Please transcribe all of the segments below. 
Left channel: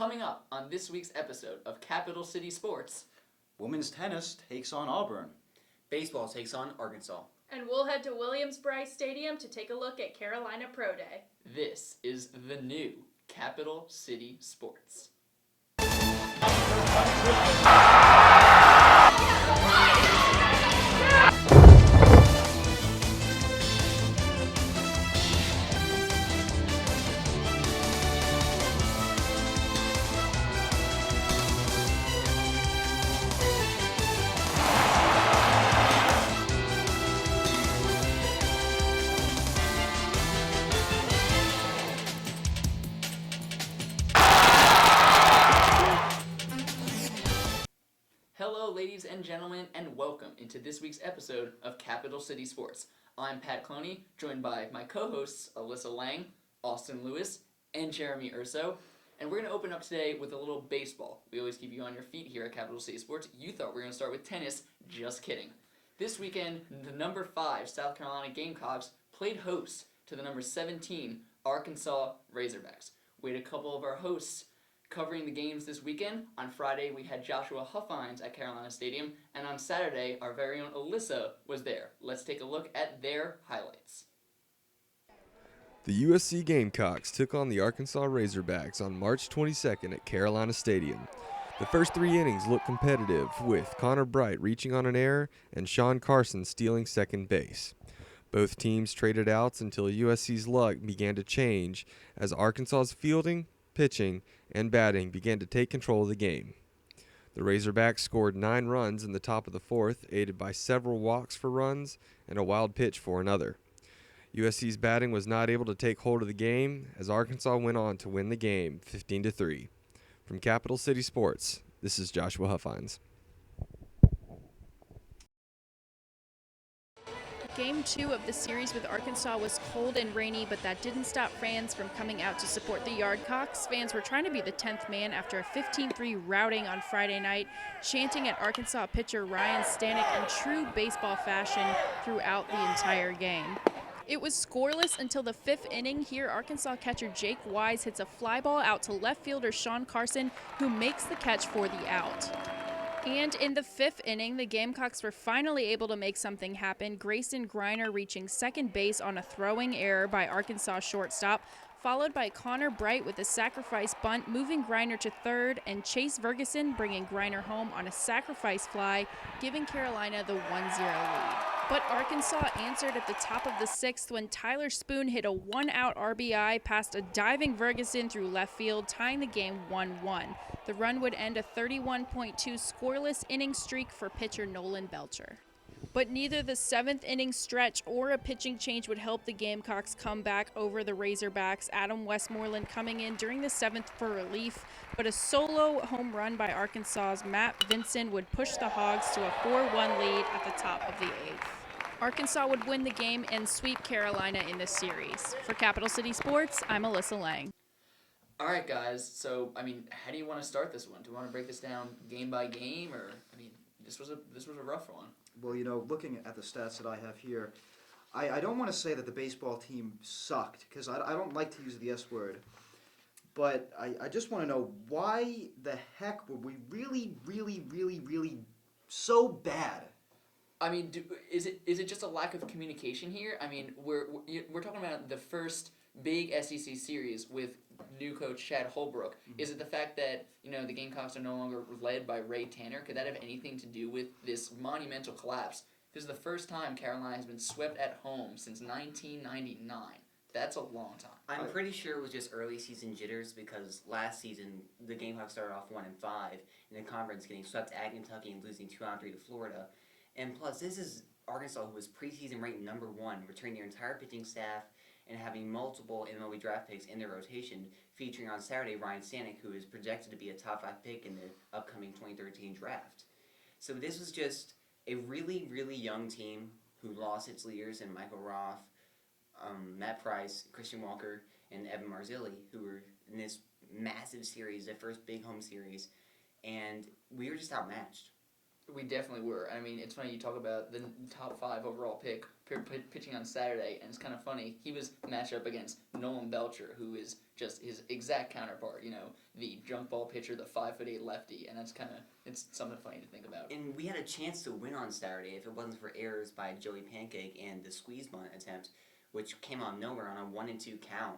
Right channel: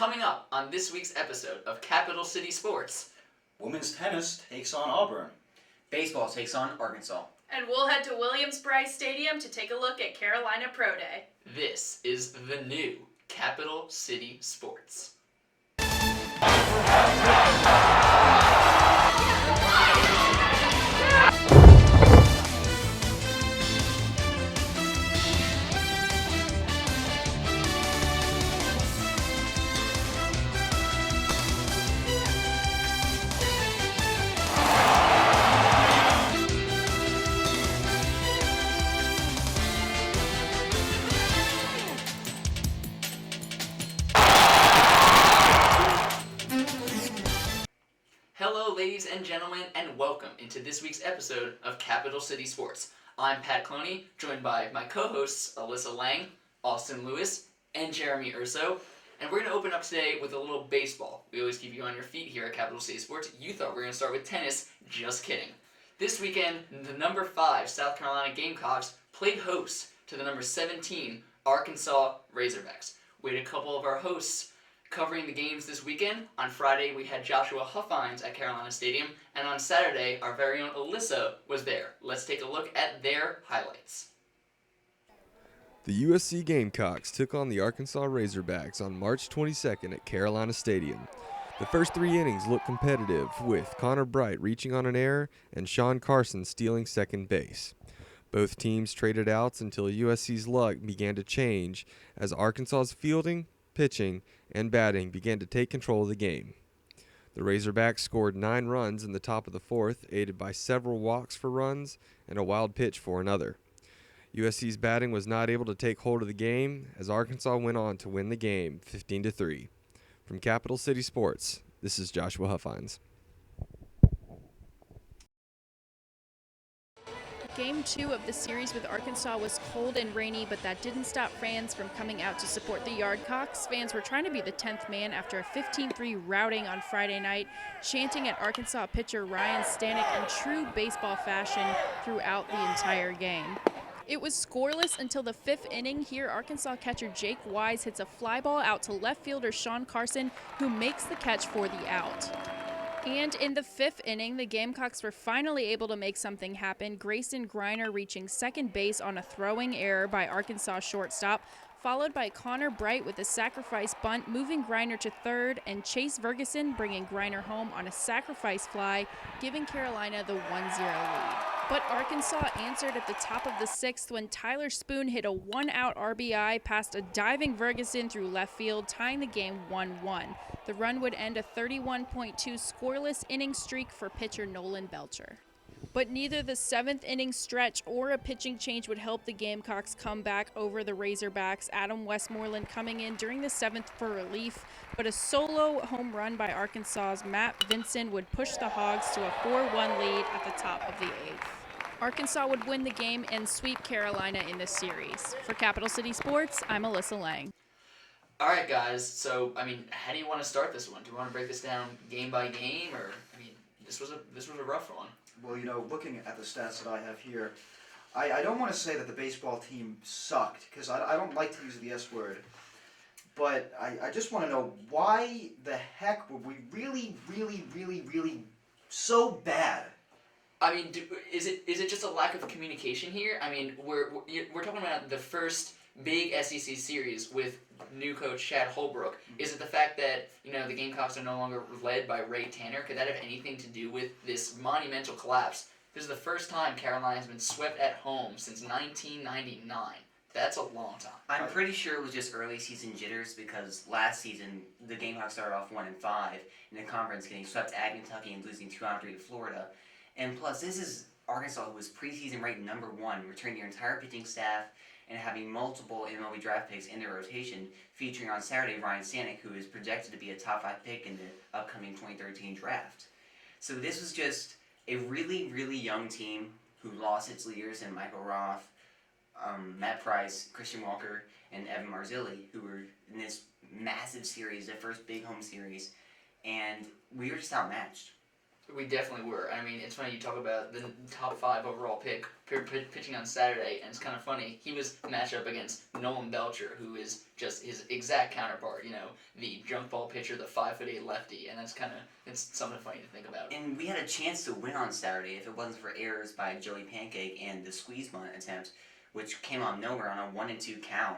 Coming up on this week's episode of Capital City Sports. Women's tennis takes on Auburn. Baseball takes on Arkansas. And we'll head to Williams-Brice Stadium to take a look at Carolina Pro Day. This is the new Capital City Sports. Hello, ladies and gentlemen, and welcome into this week's episode of Capital City Sports. I'm Pat Cloney, joined by my co-hosts Alyssa Lang, Austin Lewis, and Jeremy Urso, and we're going to open up today with a little baseball. We always keep you on your feet here at Capital City Sports. You thought we were going to start with tennis. Just kidding. This weekend, the number 5 South Carolina Gamecocks played host to the number 17 Arkansas Razorbacks. We had a couple of our hosts covering the games this weekend. On Friday, we had Joshua Huffines at Carolina Stadium, and on Saturday, our very own Alyssa was there. Let's take a look at their highlights. The USC Gamecocks took on the Arkansas Razorbacks on March 22nd at Carolina Stadium. The first 3 innings looked competitive, with Connor Bright reaching on an error and Sean Carson stealing second base. Both teams traded outs until USC's luck began to change as Arkansas's fielding, pitching, and batting began to take control of the game. The Razorbacks scored 9 runs in the top of the 4th, aided by several walks for runs and a wild pitch for another. USC's batting was not able to take hold of the game as Arkansas went on to win the game 15-3. From Capital City Sports, this is Joshua Huffines. Game 2 of the series with Arkansas was cold and rainy, but that didn't stop fans from coming out to support the Yardcocks. Fans were trying to be the 10th man after a 15-3 routing on Friday night, chanting at Arkansas pitcher Ryan Stanek in true baseball fashion throughout the entire game. It was scoreless until the 5th inning. Here, Arkansas catcher Jake Wise hits a fly ball out to left fielder Sean Carson, who makes the catch for the out. And in the 5th inning, the Gamecocks were finally able to make something happen. Grayson Griner reaching second base on a throwing error by Arkansas shortstop, followed by Connor Bright with a sacrifice bunt, moving Griner to third, and Chase Ferguson bringing Griner home on a sacrifice fly, giving Carolina the 1-0 lead. But Arkansas answered at the top of the 6th when Tyler Spoon hit a 1-out RBI past a diving Ferguson through left field, tying the game 1-1. The run would end a 31.2 scoreless inning streak for pitcher Nolan Belcher. But neither the 7th inning stretch or a pitching change would help the Gamecocks come back over the Razorbacks. Adam Westmoreland coming in during the 7th for relief, but a solo home run by Arkansas's Matt Vinson would push the Hogs to a 4-1 lead at the top of the 8th. Arkansas would win the game and sweep Carolina in this series. For Capital City Sports, I'm Alyssa Lang. All right, guys. So, how do you want to start this one? Do you want to break this down game by game, or this was a rough one? Well, looking at the stats that I have here, I don't want to say that the baseball team sucked, because I don't like to use the S word, but I just want to know, why the heck were we really, really, really, really so bad? Is it just a lack of communication here? We're talking about the first big SEC series with new coach Chad Holbrook. Is it the fact that the Gamecocks are no longer led by Ray Tanner? Could that have anything to do with this monumental collapse? This is the first time Carolina has been swept at home since 1999. That's a long time. I'm pretty sure it was just early season jitters because last season the Gamecocks started off 1-5 in the conference, getting swept at Kentucky and losing 2-3 to Florida. And plus, this is Arkansas, who was preseason ranked number 1, returning their entire pitching staff and having multiple MLB draft picks in their rotation, featuring on Saturday Ryan Stanek, who is projected to be a top 5 pick in the upcoming 2013 draft. So this was just a really, really young team who lost its leaders in Michael Roth, Matt Price, Christian Walker, and Evan Marzilli, who were in this massive series, their first big home series, and we were just outmatched. We definitely were. It's funny you talk about the top 5 overall pick pitching on Saturday, and it's kind of funny. He was matched up against Nolan Belcher, who is just his exact counterpart. The jump ball pitcher, the 5'8" lefty, and it's something funny to think about. And we had a chance to win on Saturday if it wasn't for errors by Joey Pancake and the squeeze bunt attempt, which came out of nowhere on a 1-2 count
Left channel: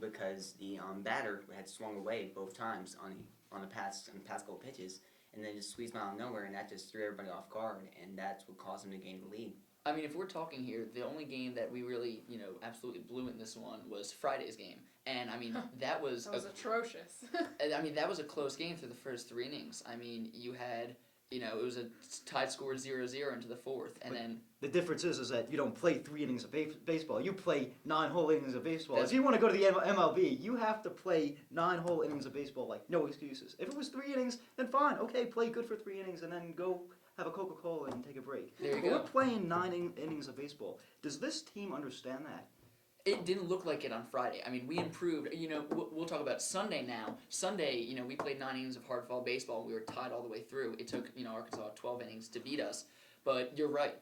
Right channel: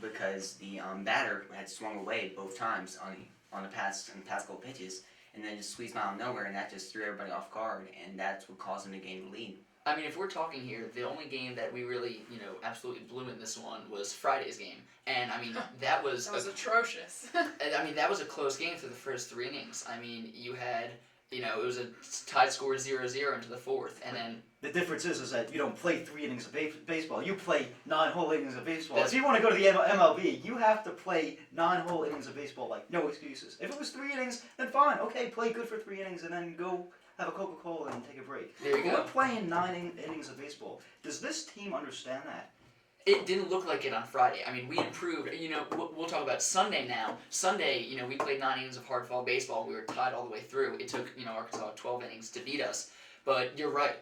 because the batter had swung away both times on the past couple pitches, and then just squeezed him out of nowhere, and that just threw everybody off guard, and that's what caused him to gain the lead. I mean, if we're talking here, the only game that we really, absolutely blew in this one was Friday's game. And, I mean, that was atrocious. I mean, that was a close game for the first 3 innings. I mean, you had, it was a tied score 0-0 into the 4th, and then... The difference is that you don't play 3 innings of baseball. You play 9 whole innings of baseball. If you want to go to the MLB, you have to play 9 whole innings of baseball, like, no excuses. If it was 3 innings, then fine. Okay, play good for 3 innings, and then go have a Coca-Cola and take a break. There you go. We're playing 9 innings of baseball. Does this team understand that? It didn't look like it on Friday. I mean, we improved. We'll talk about Sunday now. Sunday, we played 9 innings of hard fall baseball. We were tied all the way through. It took, Arkansas 12 innings to beat us. But you're right.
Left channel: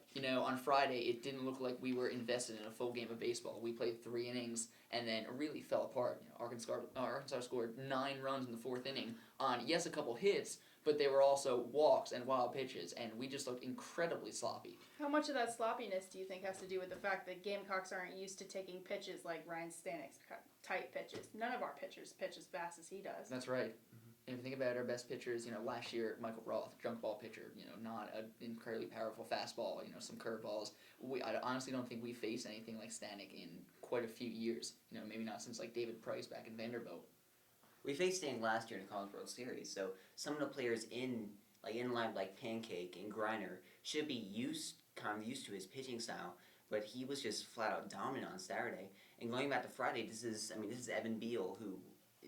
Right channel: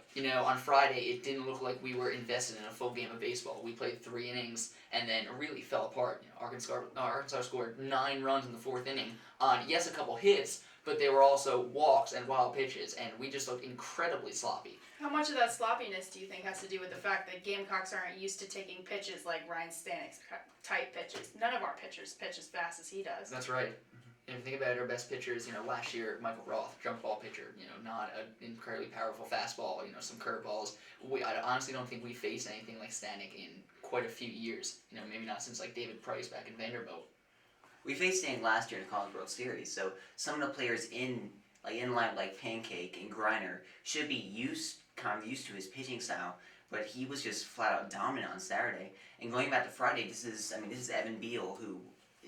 On Friday, it didn't look like we were invested in a full game of baseball. We played 3 innings and then really fell apart. Arkansas scored 9 runs in the 4th inning on, yes, a couple hits, but they were also walks and wild pitches, and we just looked incredibly sloppy. How much of that sloppiness do you think has to do with the fact that Gamecocks aren't used to taking pitches like Ryan Stanek's type pitches? None of our pitchers pitch as fast as he does. That's right. And if you think about it, our best pitchers, last year, Michael Roth, jump ball pitcher, not an incredibly powerful fastball, some curveballs. I honestly don't think we faced anything like Stanek in quite a few years. Maybe not since like David Price back in Vanderbilt. We faced Stanek last year in the College World Series, so some of the players in line like Pancake and Griner should be used to his pitching style, but he was just flat out dominant on Saturday. And going back to Friday, this is Evan Beal, who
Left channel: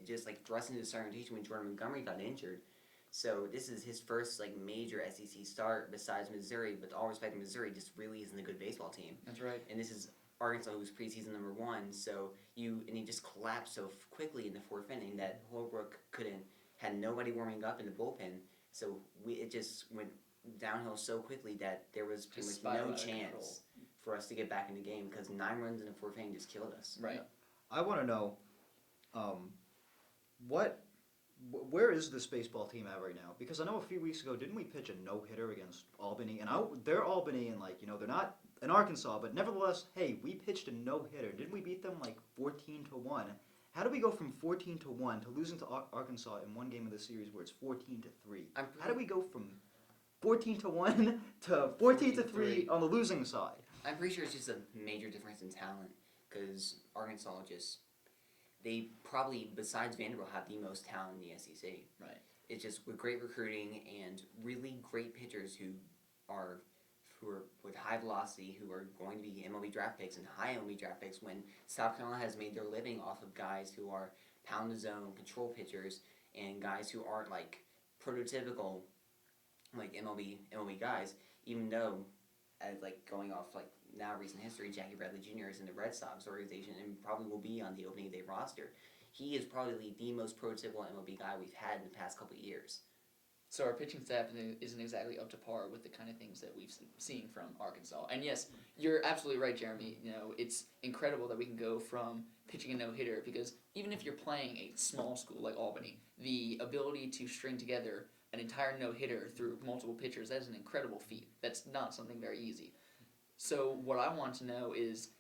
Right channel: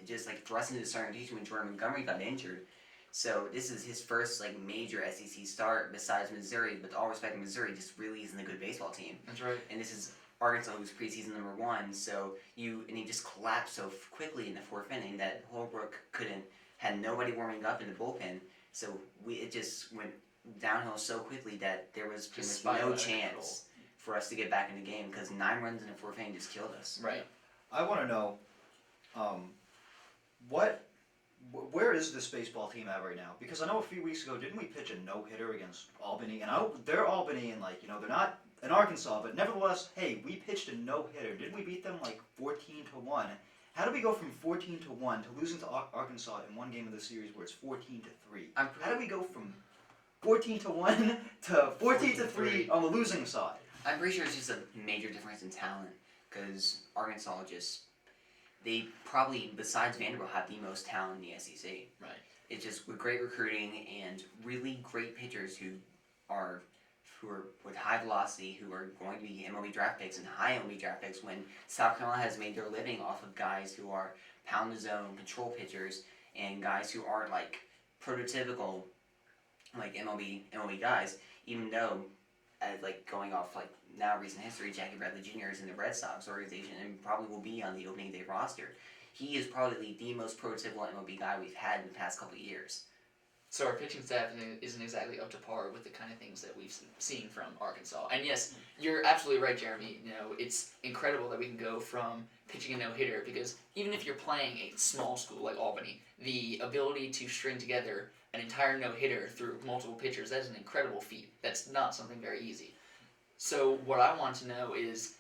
just thrust into the starting rotation when Jordan Montgomery got injured. So this is his first major SEC start besides Missouri. With all respect to Missouri, just really isn't a good baseball team. That's right. And this is Arkansas, who's preseason number 1. So he just collapsed so quickly in the 4th inning that Holbrook had nobody warming up in the bullpen. So it just went downhill so quickly that there was pretty much no chance for us to get back in the game because 9 runs in the 4th inning just killed us. Right. I want to know, where is this baseball team at right now? Because I know a few weeks ago, didn't we pitch a no-hitter against Albany? And they're Albany, and they're not in Arkansas, but nevertheless, hey, we pitched a no-hitter. Didn't we beat them 14-1? How do we go from 14-1 to losing to Arkansas in one game of the series where it's 14-3? How do we go from 14-1 to 14-3 on the losing side? I'm pretty sure it's just a major difference in talent because Arkansas they probably, besides Vanderbilt, have the most talent in the SEC. Right. It's just with great recruiting and really great pitchers who are with high velocity, who are going to be MLB draft picks and high MLB draft picks when South Carolina has made their living off of guys who are pound the zone, control pitchers, and guys who aren't prototypical MLB guys, even though going off now recent history, Jackie Bradley Jr. is in the Red Sox organization and probably will be on the opening day roster. He is probably the most prototypical MLB guy we've had in the past couple of years. So our pitching staff isn't exactly up to par with the kind of things that we've seen from Arkansas. And yes, you're absolutely right, Jeremy. It's incredible that we can go from pitching a no-hitter because even if you're playing a small school like Albany, the ability to string together an entire no-hitter through multiple pitchers, that is an incredible feat. That's not something very easy. So what I want to know is,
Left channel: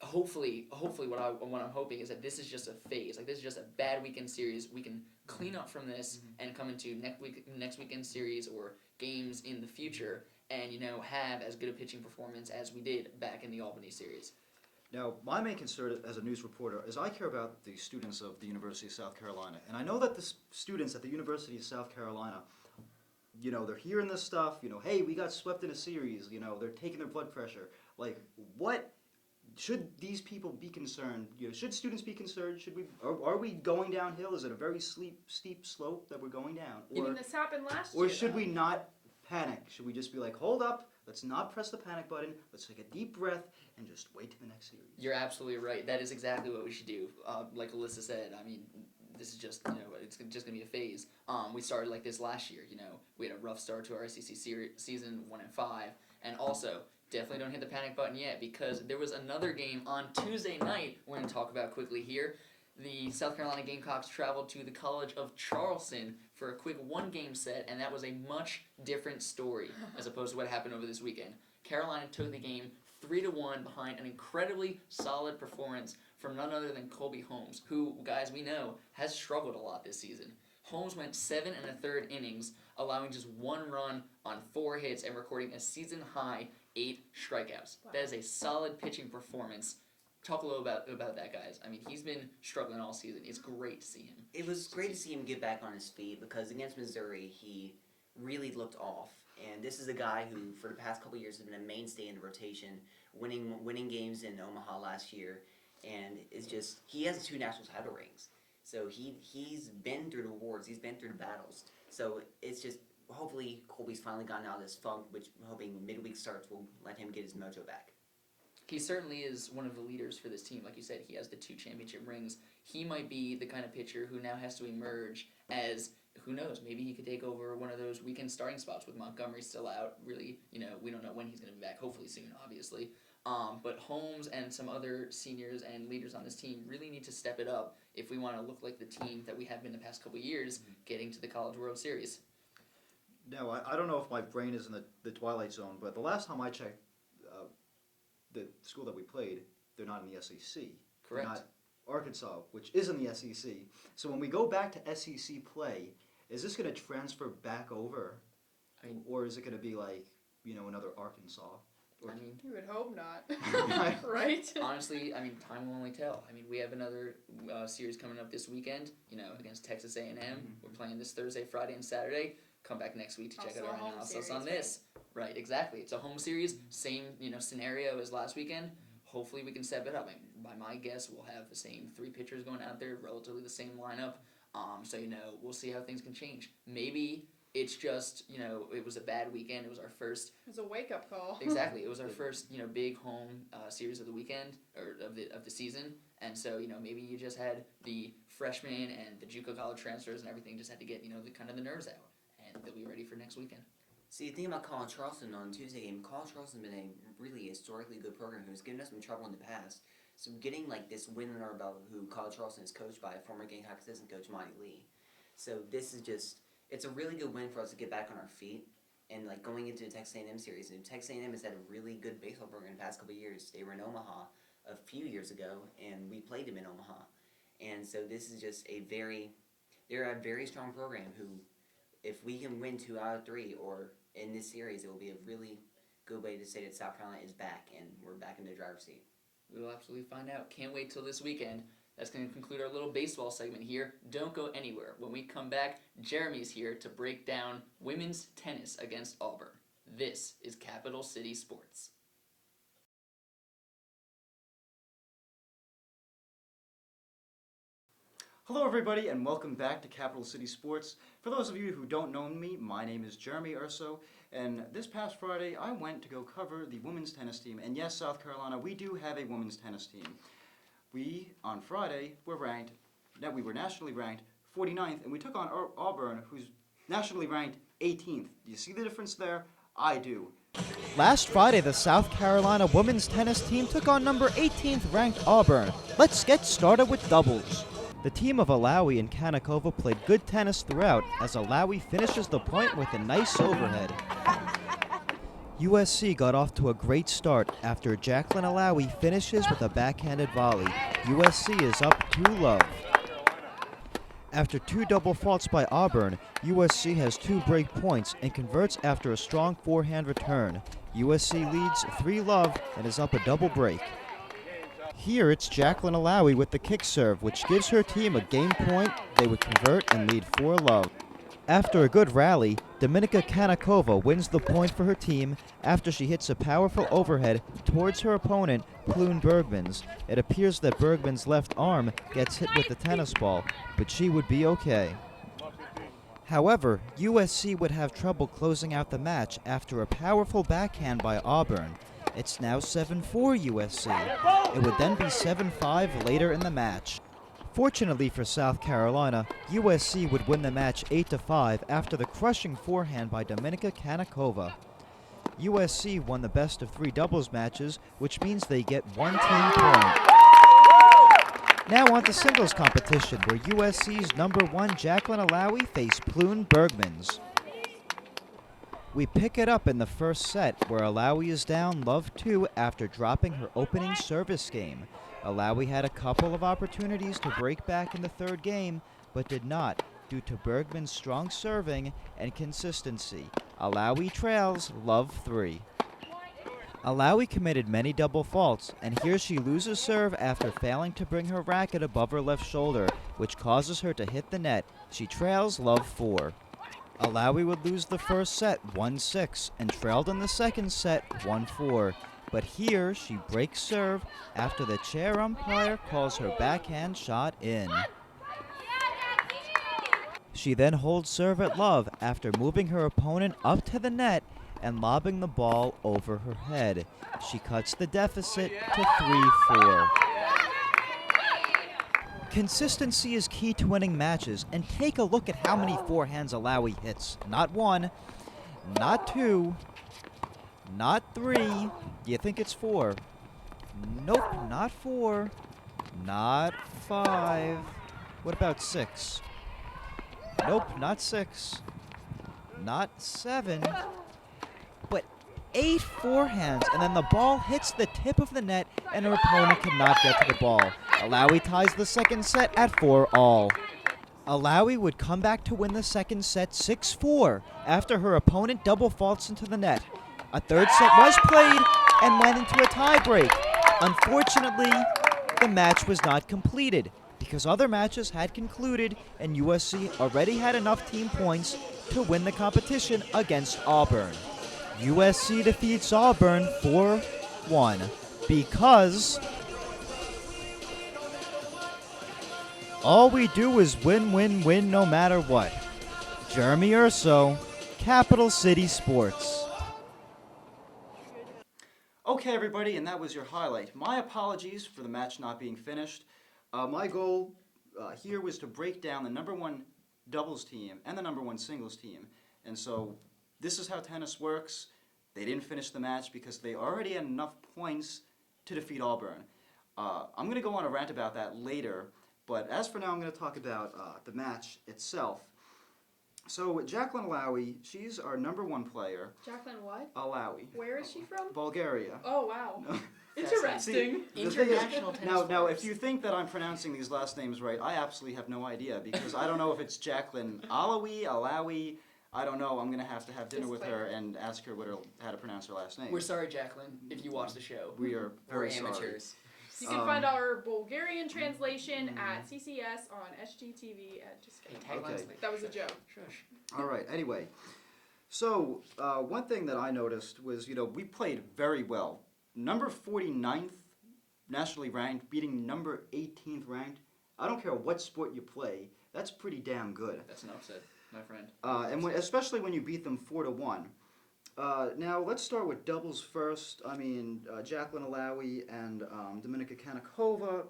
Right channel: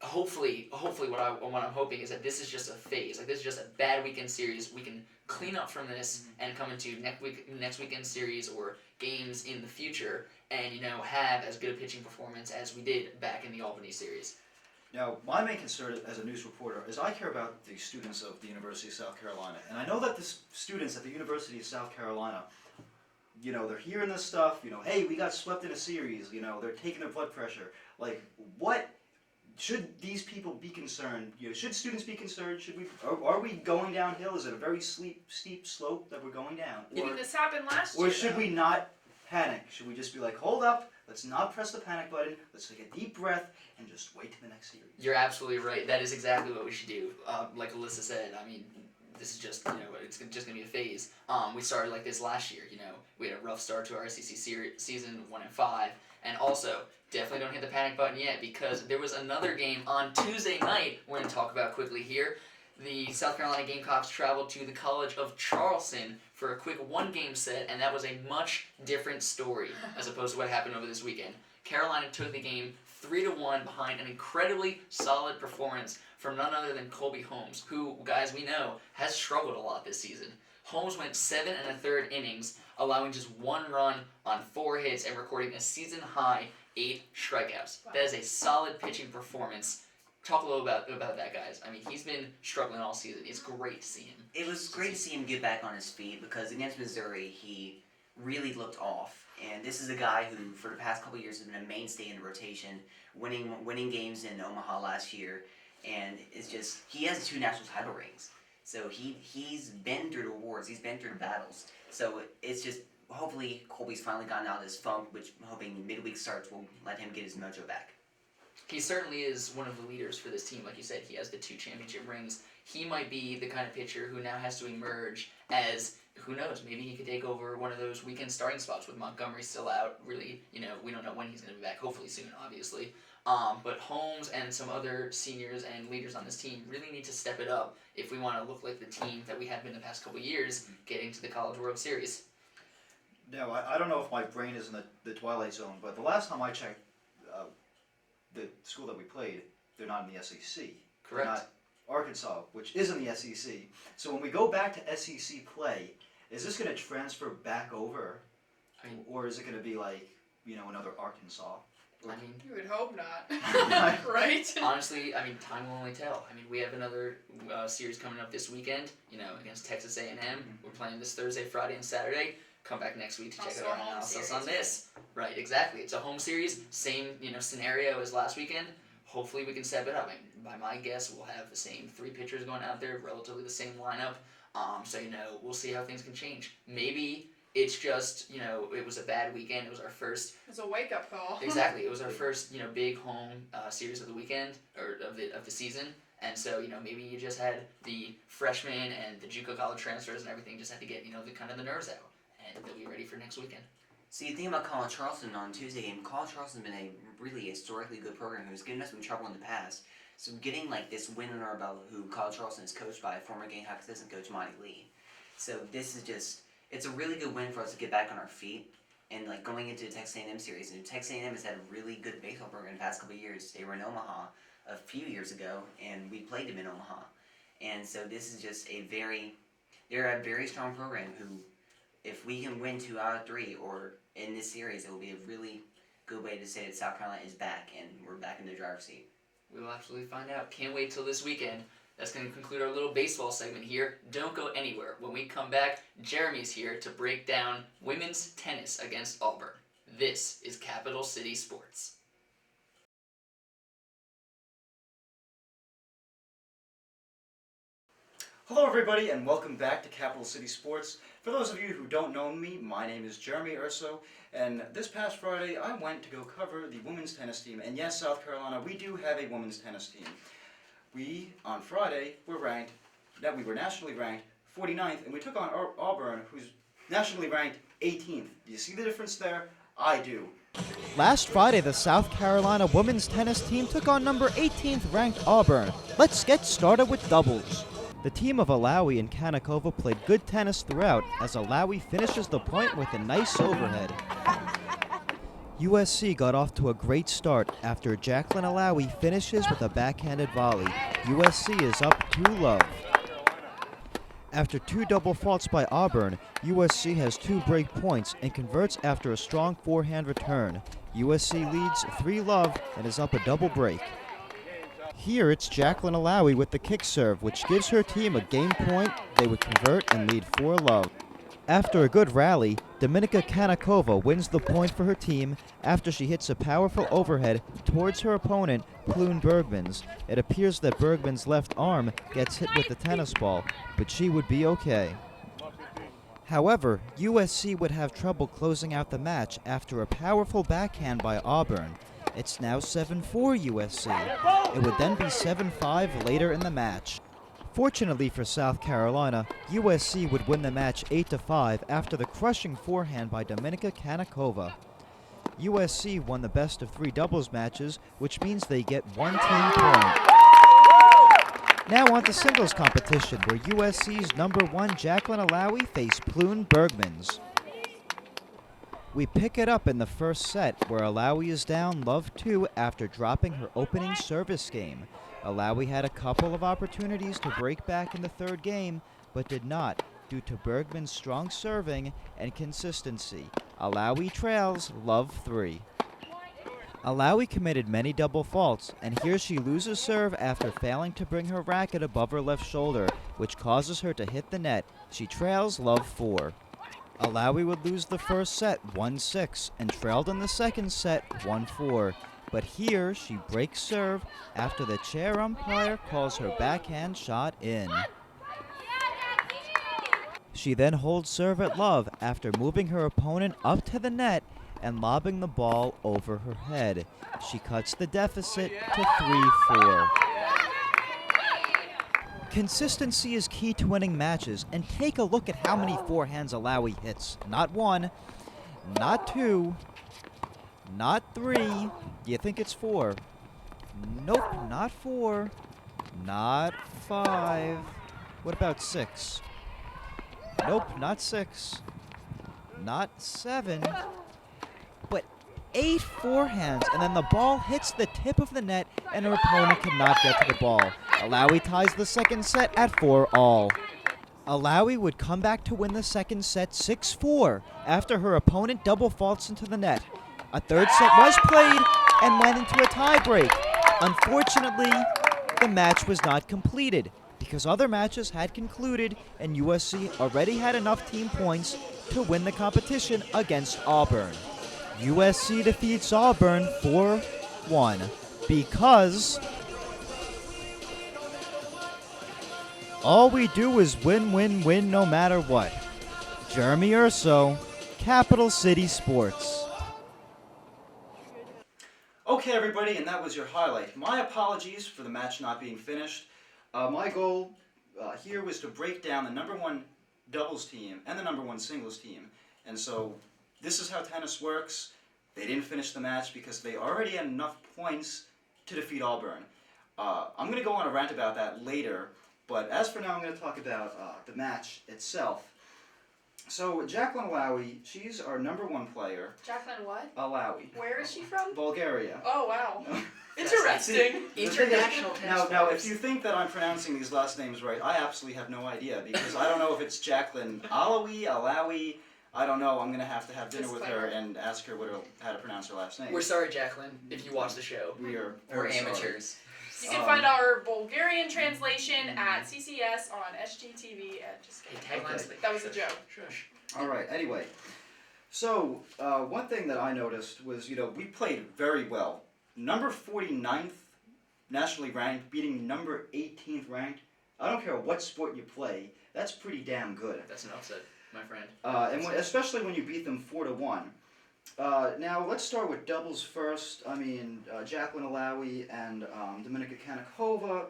hopefully what I'm hoping is that this is just a phase. This is just a bad weekend series. We can clean up from this and come into next weekend series or games in the future and have as good a pitching performance as we did back in the Albany series. Now, my main concern as a news reporter is I care about the students of the University of South Carolina, and I know that the students at the University of South Carolina, they're hearing this stuff, hey, we got swept in a series, they're taking their blood pressure. What should these people be concerned? Should students be concerned? Are we going downhill? Is it a very steep slope that we're going down? You mean this happened last year? Or should we not panic? Should we just be hold up, let's not press the panic button, let's take a deep breath, and just wait to the next series? You're absolutely right. That is exactly what we should do. Like Alyssa said, I mean, this is just, it's just going to be a phase. We started like this last year, We had a rough start to our SEC season, 1-5. And also, definitely don't hit the panic button yet because there was another game on Tuesday night we're going to talk about quickly here. the South Carolina Gamecocks traveled to the College of Charleston for a quick one-game set, and that was a much different story as opposed to what happened over this weekend. Carolina took the game 3-1 behind an incredibly solid performance from none other than Colby Holmes, who, guys, we know, has struggled a lot this season. Holmes went 7 1/3 innings, allowing just 1 run on 4 hits and recording a season-high 8 strikeouts. Wow. That is a solid pitching performance. Talk a little about that, guys. I mean, he's been struggling all season. It's great to see him. It was great to see him get back on his feet because against Missouri, he really looked off. And this is a guy who, for the past couple of years, has been a mainstay in the rotation, winning games in Omaha last year, and he has 2 national title rings. So he's been through the wars, he's been through the battles. So it's just hopefully Colby's finally gotten out of this funk, which I'm hoping midweek starts will let him get his mojo back. He certainly is one of the leaders for this team. Like you said, he has the 2 championship rings. He might be the kind of pitcher who now has to emerge as, who knows, maybe he could take over one of those weekend starting spots with Montgomery still out. Really, we don't know when he's going to be back. Hopefully soon, obviously. But Holmes and some other seniors and leaders on this team really need to step it up if we want to look like the team that we have been the past couple years getting to the College World Series. Now, I don't know if my brain is in the twilight zone, but the last time I checked, the school that we played, they're not in the SEC. Correct. They're not Arkansas, which is in the SEC. So when we go back to SEC play, is this going to transfer back over, or is it going to be like, another Arkansas? I mean, You would hope not. Right? honestly, time will only tell. We have another series coming up this weekend, against Texas A&M. We're playing this Thursday, Friday, and Saturday. Come back next week to check Also out our a home analysis series, on this. Right, exactly. It's a home series, same, scenario as last weekend. Hopefully we can step it up. By my guess, we'll have the same 3 pitchers going out there, relatively the same lineup. So, we'll see how things can change. Maybe it's just, it was a bad weekend. It was our first. It's a wake-up call. Exactly. It was our first, big home series of the weekend, or of the season. And so, maybe you just had the freshmen and the JUCO college transfers and everything just had to get, the nerves out. And they'll be ready for next weekend. So you think about College Charleston on Tuesday game. College Charleston's been a really historically good program who's given us some trouble in the past. So getting this win under our belt, who College Charleston is coached by former Gamecocks assistant coach Monty Lee. So this is it's a really good win for us to get back on our feet. And going into the Texas A&M series, and Texas A&M has had a really good baseball program in the past couple of years. They were in Omaha a few years ago, and we played them in Omaha. And so this is just they're a very strong program who, if we can win 2 out of 3, or in this series, it will be a really good way to say that South Carolina is back and we're back in the driver's seat. We will absolutely find out. Can't wait till this weekend. That's going to conclude our little baseball segment here. Don't go anywhere. When we come back, Jeremy's here to break down women's tennis against Auburn. This is Capital City Sports. Hello everybody and welcome back to Capital City Sports. For those of you who don't know me, my name is Jeremy Urso, and this past Friday I went to go cover the women's tennis team. And yes, South Carolina, we do have a women's tennis team. We, on Friday, were nationally ranked 49th, and we took on Auburn, who's nationally ranked 18th. Do you see the difference there? I do. Last Friday, the South Carolina women's tennis team took on number 18th ranked Auburn. Let's get started with doubles. The team of Alawi and Kanakova played good tennis throughout, as Alawi finishes the point with a nice overhead. USC got off to a great start after Jacqueline Alawi finishes with a backhanded volley. USC is up 2-love. After 2 double faults by Auburn, USC has 2 break points and converts after a strong forehand return. USC leads 3-love and is up a double break. Here it's Jacqueline Alawi with the kick serve, which gives her team a game point. They would convert and lead 4-love. After a good rally, Dominika Kanakova wins the point for her team after she hits a powerful overhead towards her opponent, Plune Bergmans. It appears that Bergman's left arm gets hit with the tennis ball, but she would be okay. However, USC would have trouble closing out the match after a powerful backhand by Auburn. It's now 7-4 USC. It would then be 7-5 later in the match. Fortunately for South Carolina, USC would win the match 8-5 after the crushing forehand by Dominika Kanakova. USC won the best of 3 doubles matches, which means they get 1 team point. Now on to singles competition, where USC's #1 Jacqueline Alawi faced Plune Bergmans. We pick it up in the first set, where Alawi is down love 2 after dropping her opening service game. Alawi had a couple of opportunities to break back in the third game, but did not, due to Bergman's strong serving and consistency. Alawi trails love 3. Alawi committed many double faults, and here she loses serve after failing to bring her racket above her left shoulder, which causes her to hit the net. She trails love 4. Alawi would lose the first set 1-6 and trailed in the second set 1-4. But here she breaks serve after the chair umpire calls her backhand shot in. She then holds serve at love after moving her opponent up to the net and lobbing the ball over her head. She cuts the deficit to 3-4. Consistency is key to winning matches, and take a look at how many forehands Alawi hits. Not 1, not 2, not 3. You think it's 4? Nope, not 4, not 5. What about 6? Nope, not 6, not 7, but 8 forehands, and then the ball hits the tip of the net and her opponent cannot get to the ball. Alawi ties the second set at 4-all. Alawi would come back to win the second set 6-4 after her opponent double faults into the net. A third set was played and went into a tiebreak. Unfortunately, the match was not completed because other matches had concluded and USC already had enough team points to win the competition against Auburn. USC defeats Auburn 4-1 because all we do is win, win, win no matter what. Jeremy Urso, Capital City Sports. Okay, everybody, and that was your highlight. My apologies for the match not being finished. My goal here was to break down the #1 doubles team and the #1 singles team. And so this is how tennis works. They didn't finish the match because they already had enough points to defeat Auburn. I'm going to go on a rant about that later, but as for now, I'm going to talk about the match itself. So Jacqueline Alawi, she's our #1 player. Jacqueline what? Alawi. Where is she from? Bulgaria. Oh, wow. Interesting. International tennis. Now, if you think that I'm pronouncing these last names right, I absolutely have no idea because I don't know if it's Jacqueline Alawi. I don't know. I'm gonna have dinner with her and ask her how to pronounce her last name. We're sorry, Jacqueline, if you watch the show. We're We're sorry. amateurs. You can find our Bulgarian translation at CCS on SGTV. Just kidding. Hey, tag nicely. That was a joke. Shush. All right. Anyway, so one thing that I noticed was, we played very well. Number 49th nationally ranked, beating number 18th ranked. I don't care what sport you play. That's pretty damn good. That's an upset, my friend. Especially when you beat them 4-1. Now let's start with doubles first. Jacqueline Alawi and Dominika Kanikova.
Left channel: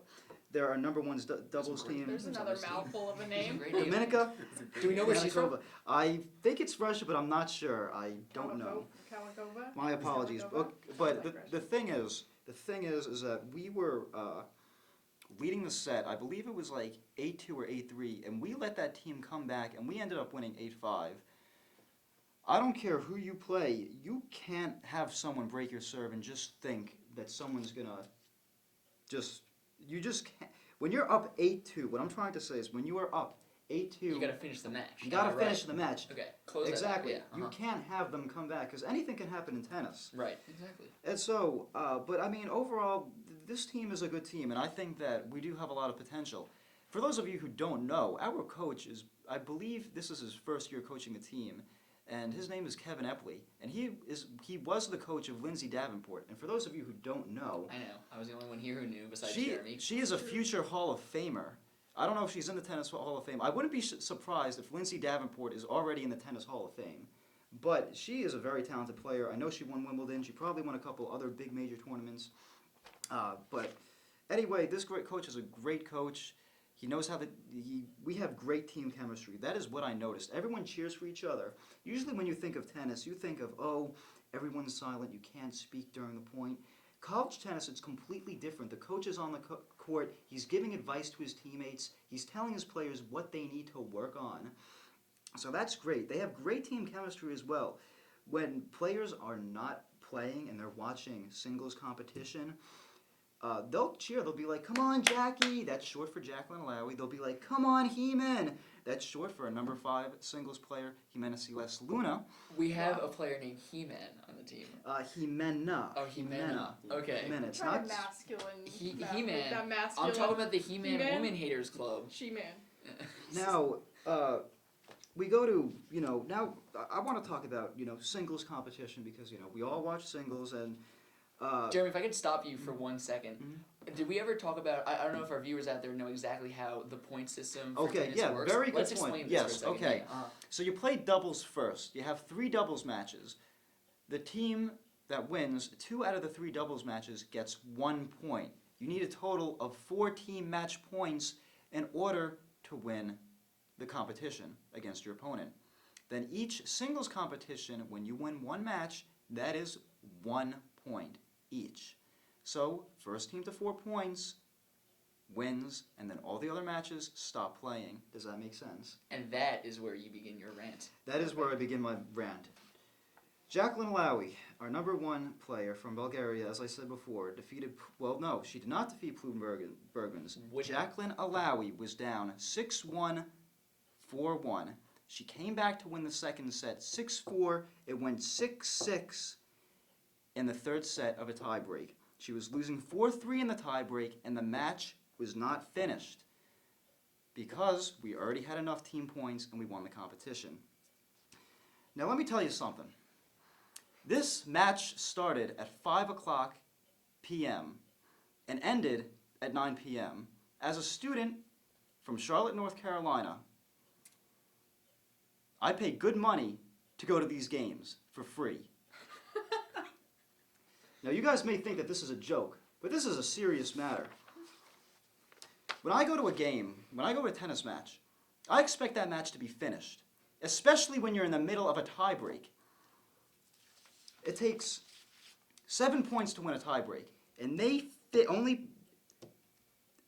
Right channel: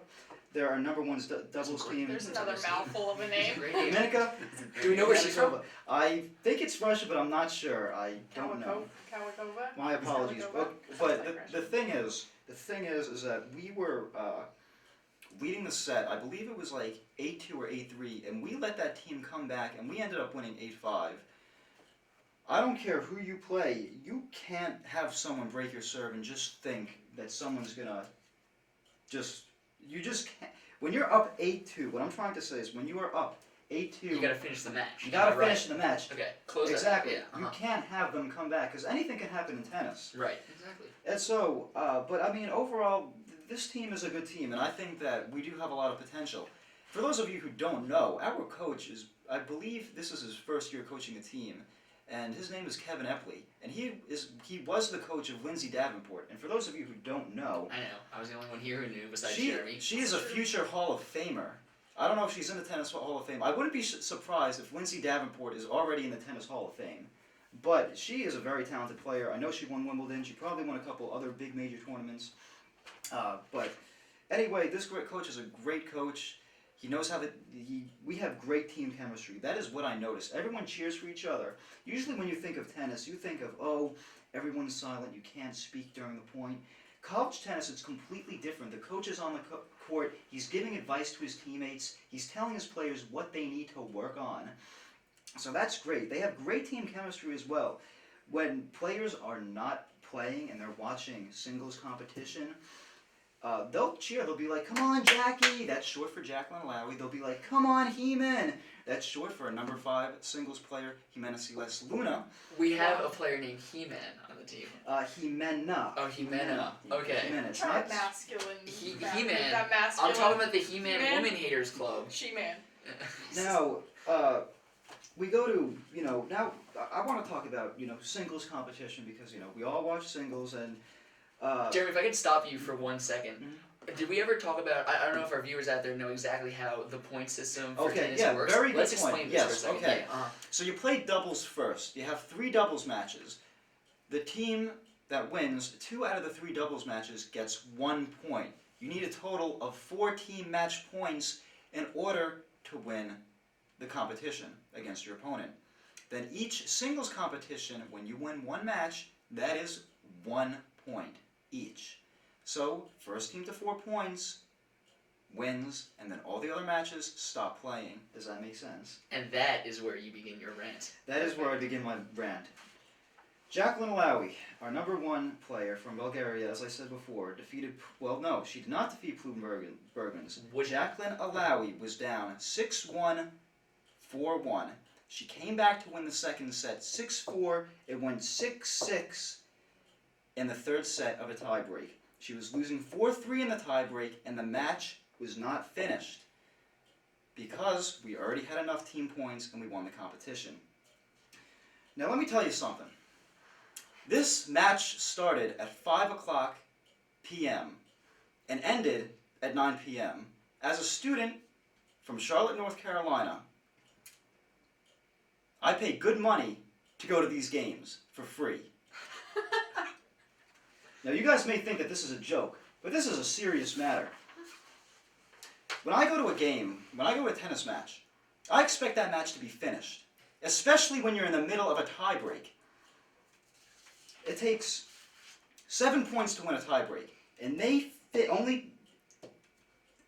They're our #1 doubles team. There's another mouthful of a name. Dominika. Do we know where she's from? I think it's Russia, but I'm not sure. I don't know. Kawakova? My apologies. But the thing is that we were leading the set. I believe it was like 8-2 or 8-3, and we let that team come back, and we ended up winning 8-5. I don't care who you play. You can't have someone break your serve and just think that someone's gonna you just can't. When you're up 8-2, what I'm trying to say is when you are up 8-2, You gotta finish the match. you gotta finish the match. Okay, close Exactly. that. Yeah, You can't have them come back because anything can happen in tennis. Right, exactly. And so, overall, this team is a good team, and I think that we do have a lot of potential. For those of you who don't know, our coach I believe this is his first year coaching a team, and his name is Kevin Epley, and he was the coach of Lindsay Davenport. And for those of you who don't know, I know. I was the only one here who knew besides she Jeremy. is a future Hall of Famer. I don't know if she's in the Tennis Hall of Fame. I wouldn't be surprised if Lindsay Davenport is already in the Tennis Hall of Fame. But she is a very talented player. I know she won Wimbledon. She probably won a couple other big major tournaments. But anyway, this great coach is a great coach. He knows we have great team chemistry. That is what I noticed. Everyone cheers for each other. Usually when you think of tennis, you think of, everyone's silent, you can't speak during the point. College tennis, it's completely different. The coach is on the court. He's giving advice to his teammates. He's telling his players what they need to work on. So that's great. They have great team chemistry as well. When players are not playing and they're watching singles competition, they'll cheer. They'll be like, "Come on, Jackie." That's short for Jacqueline Alawi. They'll be like, "Come on, Heman." That's short for a number 5 singles player, Jimena Celeste Luna. We have a player named He-Man on the team. Jimena. Oh, Jimena. Okay. Jimena. It's Try not. masculine. He-Man. That masculine. I'm talking about the He-Man He-Man? Woman Haters Club. She-Man. Now, we go to, now I want to talk about, singles competition because, we all watch singles and, Jeremy, if I could stop you for 1 second. Mhm. Did we ever talk about, I don't know if our viewers out there know exactly how the point system for Okay, tennis yeah, works. very good Let's point. explain this Yes, for a second. okay. Yeah, so you play doubles first. You have 3 doubles matches. The team that wins 2 out of the 3 doubles matches gets 1 point. You need a total of 4 team match points in order to win the competition against your opponent. Then each singles competition, when you win 1 match, that is 1 point each. So, first team to 4 points wins, and then all the other matches stop playing. Does that make sense? And that is where you begin your rant. That is where I begin my rant. Jacqueline Alawi, our number 1 player from Bulgaria, as I said before, defeated, well, no, she did not defeat Pluton Bergens. Jacqueline Alawi was down 6-1, 4-1. She came back to win the second set 6-4. It went 6-6 in the third set of a tiebreak. She was losing 4-3 in the tiebreak, and the match was not finished because we already had enough team points and we won the competition. Now let me tell you something. This match started at 5 o'clock p.m. and ended at 9 p.m. As a student from Charlotte, North Carolina, I paid good money to go to these games for free. Now you guys may think that this is a joke, but this is a serious matter. When I go to a game, when I go to a tennis match, I expect that match to be finished, especially when you're in the middle of a tiebreak. It takes 7 points to win a tiebreak, and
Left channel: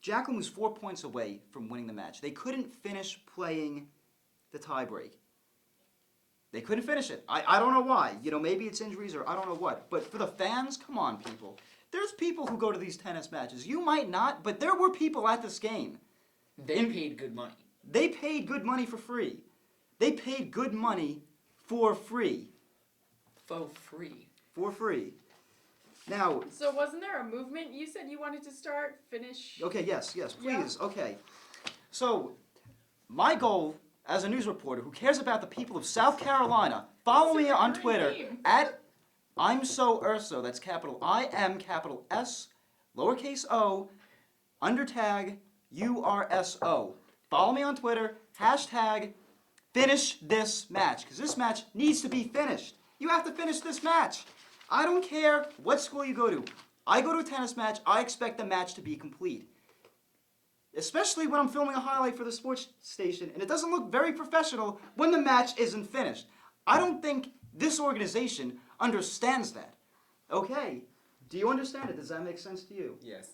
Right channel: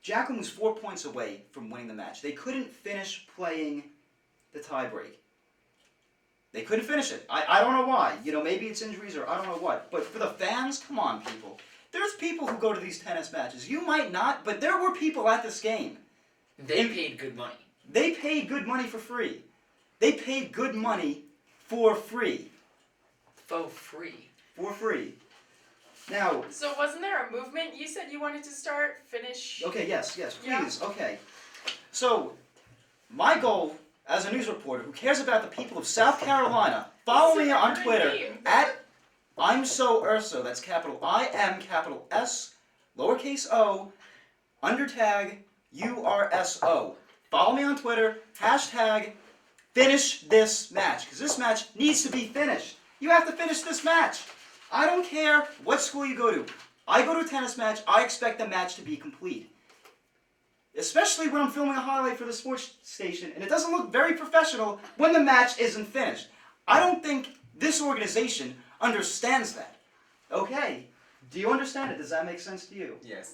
Jacqueline was 4 points away from winning the match. They couldn't finish playing the tiebreak. They couldn't finish it. I don't know why. Maybe it's injuries or I don't know what. But for the fans, come on, people. There's people who go to these tennis matches. You might not, but there were people at this game. They paid good money. They paid good money for free. They paid good money for free. For free. For free. Now... So wasn't there a movement you said you wanted to start, finish? Okay, yes, Yeah. please, okay. So, my goal as a news reporter who cares about the people of South Carolina, follow me on Twitter at I'm So Urso. That's capital I-M, capital S, lowercase o, undertag URSO. Follow me on Twitter, hashtag finish this match, because this match needs to be finished. You have to finish this match. I don't care what school you go to. I go to a tennis match, I expect the match to be complete. Especially when I'm filming a highlight for the sports station, and it doesn't look very professional when the match isn't finished. I don't think this organization understands that. Okay, do you understand it? Does that make sense to you? Yes.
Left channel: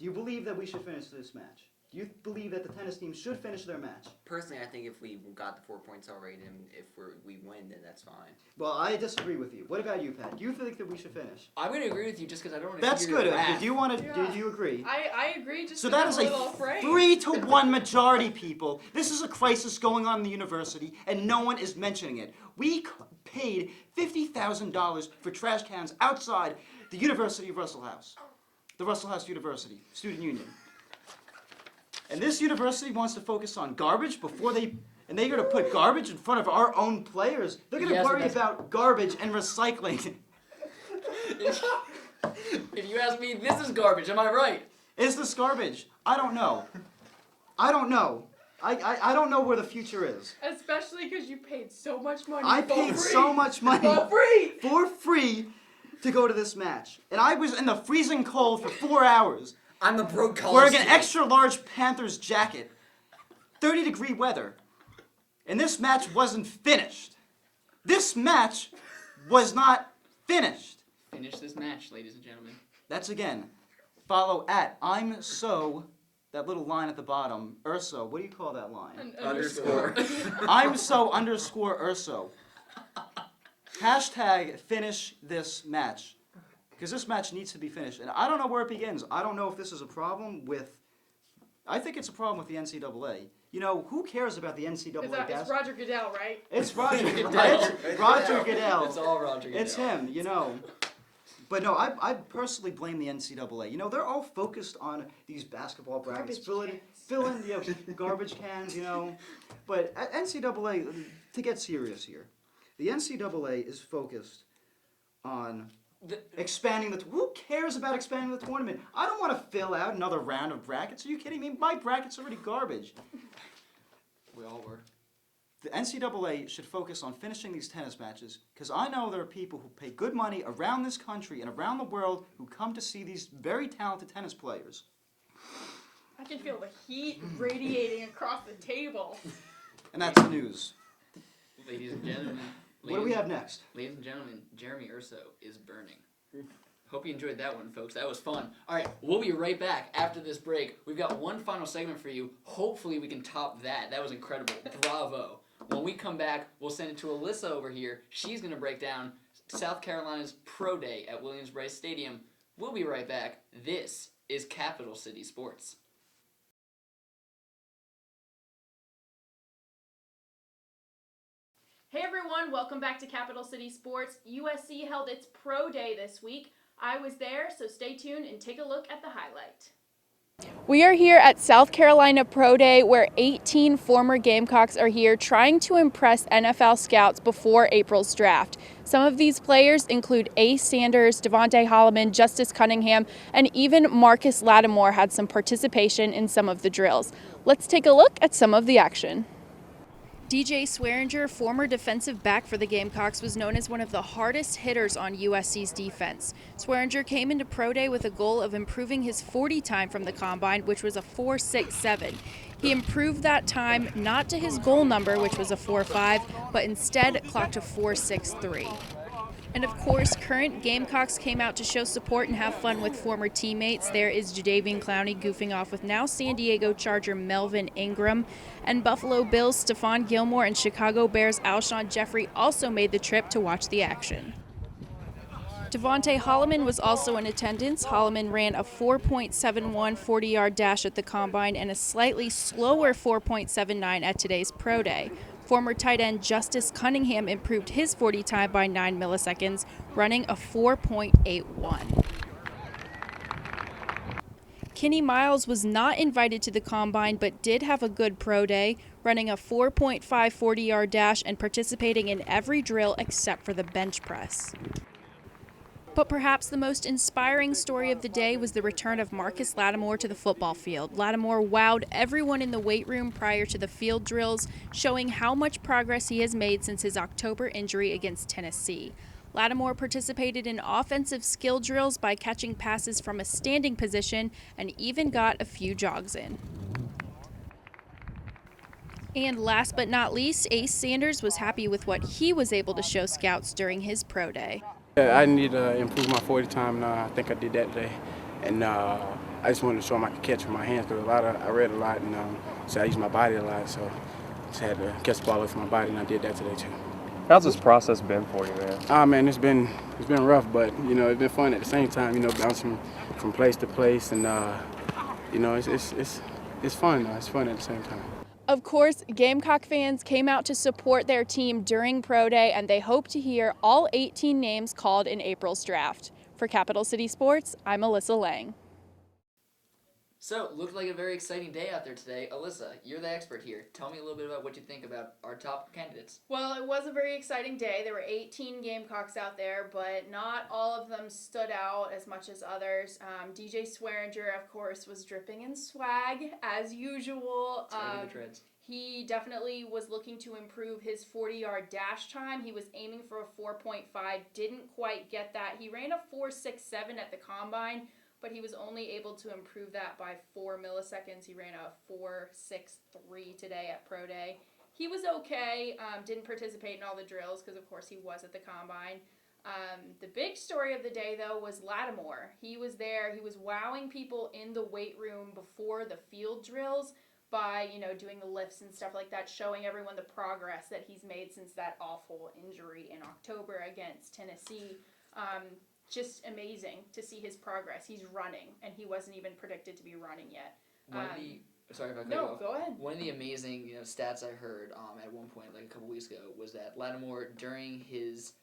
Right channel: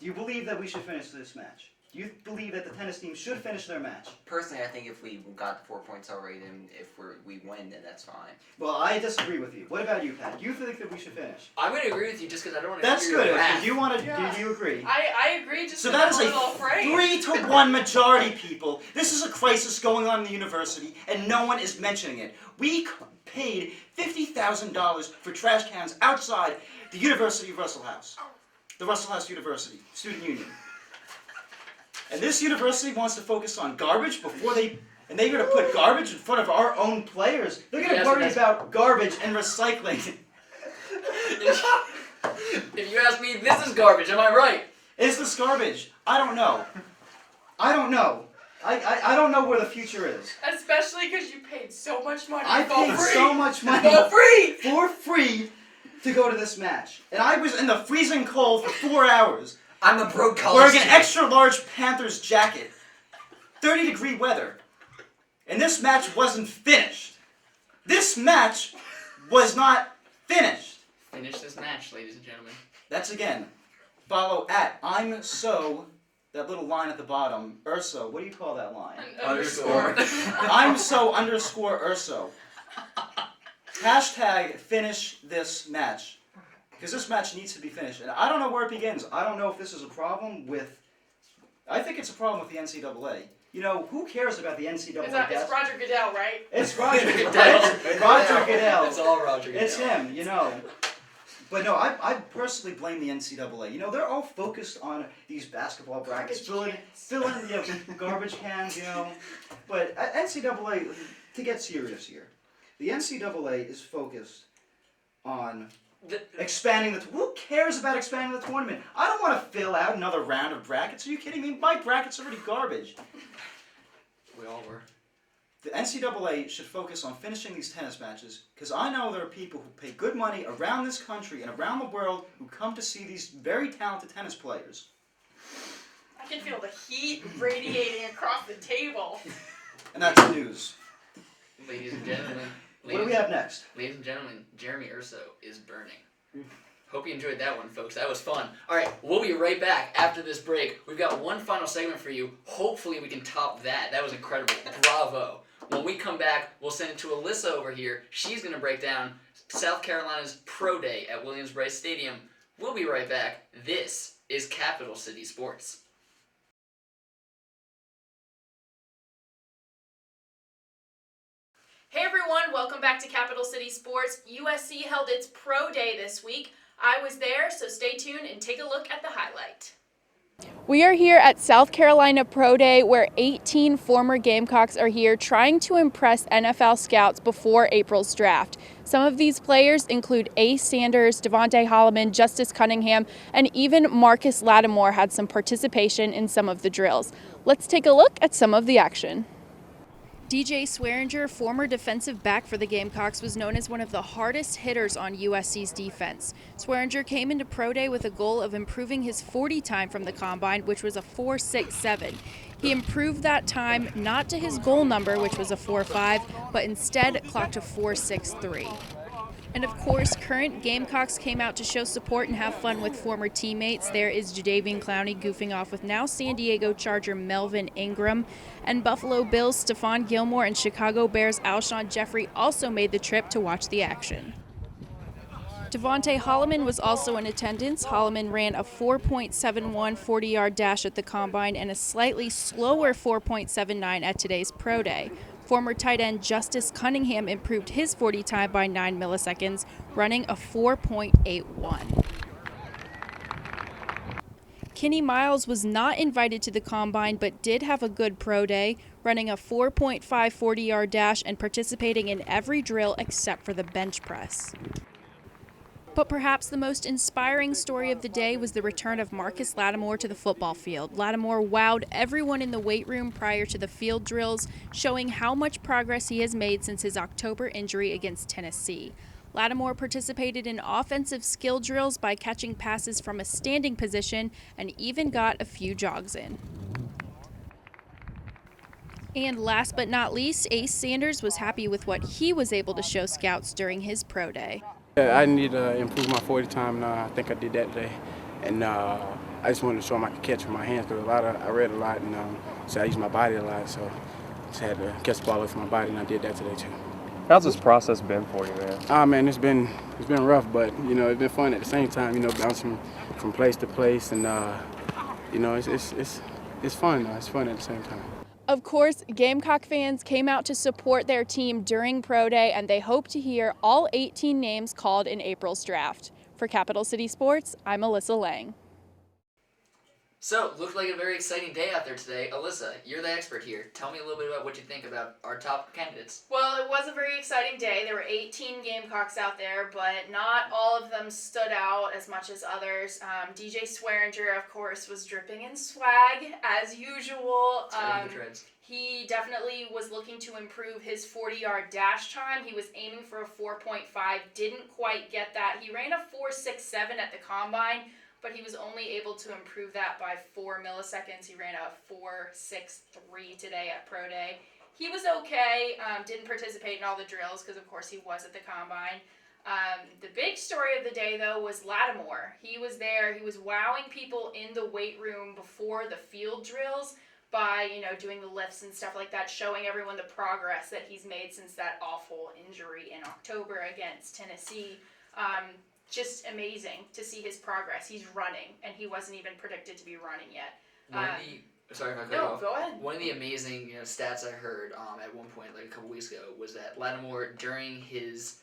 Do you believe that we should finish this match? Do you believe that the tennis team should finish their match? Personally, I think if we got the 4 points already, then if we win, then that's fine. Well, I disagree with you. What about you, Pat? Do you think that we should finish? I'm going to agree with you just because I don't want to That's hear good. your wrath. Do you want to? Yeah. Do you agree? I agree, just So because that is I'm a little afraid. 3-1 majority, people. This is a crisis going on in the university, and no one is mentioning it. We paid $50,000 for trash cans outside the University of Russell House. The Russell House University Student Union. And this university wants to focus on garbage before they're going to put garbage in front of our own players. They're going to Yes, worry that's- about garbage and recycling. If you ask me, this is garbage, am I right? Is this garbage? I don't know. I don't know. I don't know where the future is. Especially because you paid so much money I for paid free. so much money For free! for free to go to this match. And I was in the freezing cold for 4 hours I'm a broke college wearing an student. extra large Panthers jacket. 30-degree weather. And this match wasn't finished. This match was not finished. Finish this match, ladies and gentlemen. That's again, follow at I'm so, that little line at the bottom, Urso. What do you call that line? An underscore. I'm so underscore Urso. Hashtag finish this match. Because this match needs to be finished. And I don't know where it begins. I don't know if this is a problem with... I think it's a problem with the NCAA. You know, who cares about the NCAA? It's Roger Goodell, right? It's Roger Goodell. Roger Goodell. It's all Roger Goodell. It's him, you know. But no, I personally blame the NCAA. You know, they're all focused on these basketball brackets, filling the garbage cans, you know. But at NCAA, to get serious here, the NCAA is focused on expanding the... Who cares about expanding the tournament? I don't want to fill out another round of brackets. Are you kidding me? My bracket's already garbage. We all were. The NCAA should focus on finishing these tennis matches, because I know there are people who pay good money around this country and around the world who come to see these very talented tennis players. I can feel the heat radiating across the table. And that's news. Ladies and gentlemen. What do we have next? Ladies and gentlemen, Jeremy Urso is burning. Hope you enjoyed that one, folks. That was fun. All right, we'll be right back after this break. We've got one final segment for you. Hopefully we can top that. That was incredible. Bravo. When we come back, we'll send it to Alyssa over here. She's going to break down South Carolina's Pro Day at Williams-Brice Stadium. We'll be right back. This is Capital City Sports. Hey everyone, welcome back to Capital City Sports. USC held its Pro Day this week. I was there, so stay tuned and take a look at the highlight. We are here at South Carolina Pro Day, where 18 former Gamecocks are here trying to impress NFL scouts before April's draft. Some of these players include Ace Sanders, Devontae Holloman, Justice Cunningham, and even Marcus Lattimore had some participation in some of the drills. Let's take a look at some of the action. DJ Swearinger, former defensive back for the Gamecocks, was known as one of the hardest hitters on USC's defense. Swearinger came into Pro Day with a goal of improving his 40 time from the combine, which was a 4.67. He improved that time not to his goal number, which was a 4.5, but instead clocked a 4.63. And of course, current Gamecocks came out to show support and have fun with former teammates. There is Jadeveon Clowney goofing off with now San Diego Charger Melvin Ingram. And Buffalo Bills Stephon Gilmore and Chicago Bears Alshon Jeffrey also made the trip to watch the action. Devontae Holloman was also in attendance. Holloman ran a 4.71 40-yard dash at the combine and a slightly slower 4.79 at today's Pro Day. Former tight end Justice Cunningham improved his 40 time by 9 milliseconds, running a 4.81. Kenny Miles was not invited to the combine but did have a good pro day, running a 4.5 40-yard dash and participating in every drill except for the bench press. But perhaps the most inspiring story of the day was the return of Marcus Lattimore to the football field. Lattimore wowed everyone in the weight room prior to the field drills, showing how much progress he has made since his October injury against Tennessee. Lattimore participated in offensive skill drills by catching passes from a standing position and even got a few jogs in. And last but not least, Ace Sanders was happy with what he was able to show scouts during his pro day. Yeah, I need to improve my 40 time, and I think I did that today. And I just wanted to show them I could catch with my hands, because I read a lot, and so I use my body a lot, so I just had to catch the ball with my body, and I did that today too. How's this process been for you, man? Man, it's been rough, but it's been fun at the same time. Bouncing from place to place, and it's fun. It's fun at the same time. Of course, Gamecock fans came out to support their team during Pro Day, and they hope to hear all 18 names called in April's draft. For Capital City Sports, I'm Alyssa Lang. So, looked like a very exciting day out there today. Alyssa, you're the expert here. Tell me a little bit about what you think about our top candidates. Well, it was a very exciting day. There were 18 Gamecocks out there, but not all of them stood out as much as others. DJ Swearinger, of course, was dripping in swag, as usual. He definitely was looking to improve his 40-yard dash time. He was aiming for a 4.5, didn't quite get that. He ran a 4.67 at the combine, but he was only able to improve that by 4 milliseconds. He ran a 4.63 today at Pro Day. He was okay, didn't participate in all the drills because, of course, he was at the combine. The big story of the day, though, was Lattimore. He was there. He was wowing people in the weight room before the field drills by, doing the lifts and stuff like that, showing everyone the progress that he's made since that awful injury in October against Tennessee. Just amazing to see his progress. He's running, and he wasn't even predicted to be running yet. Sorry if I cut you No, off. go ahead. One of the amazing stats I heard at one point, like a couple weeks ago, was that Lattimore, during his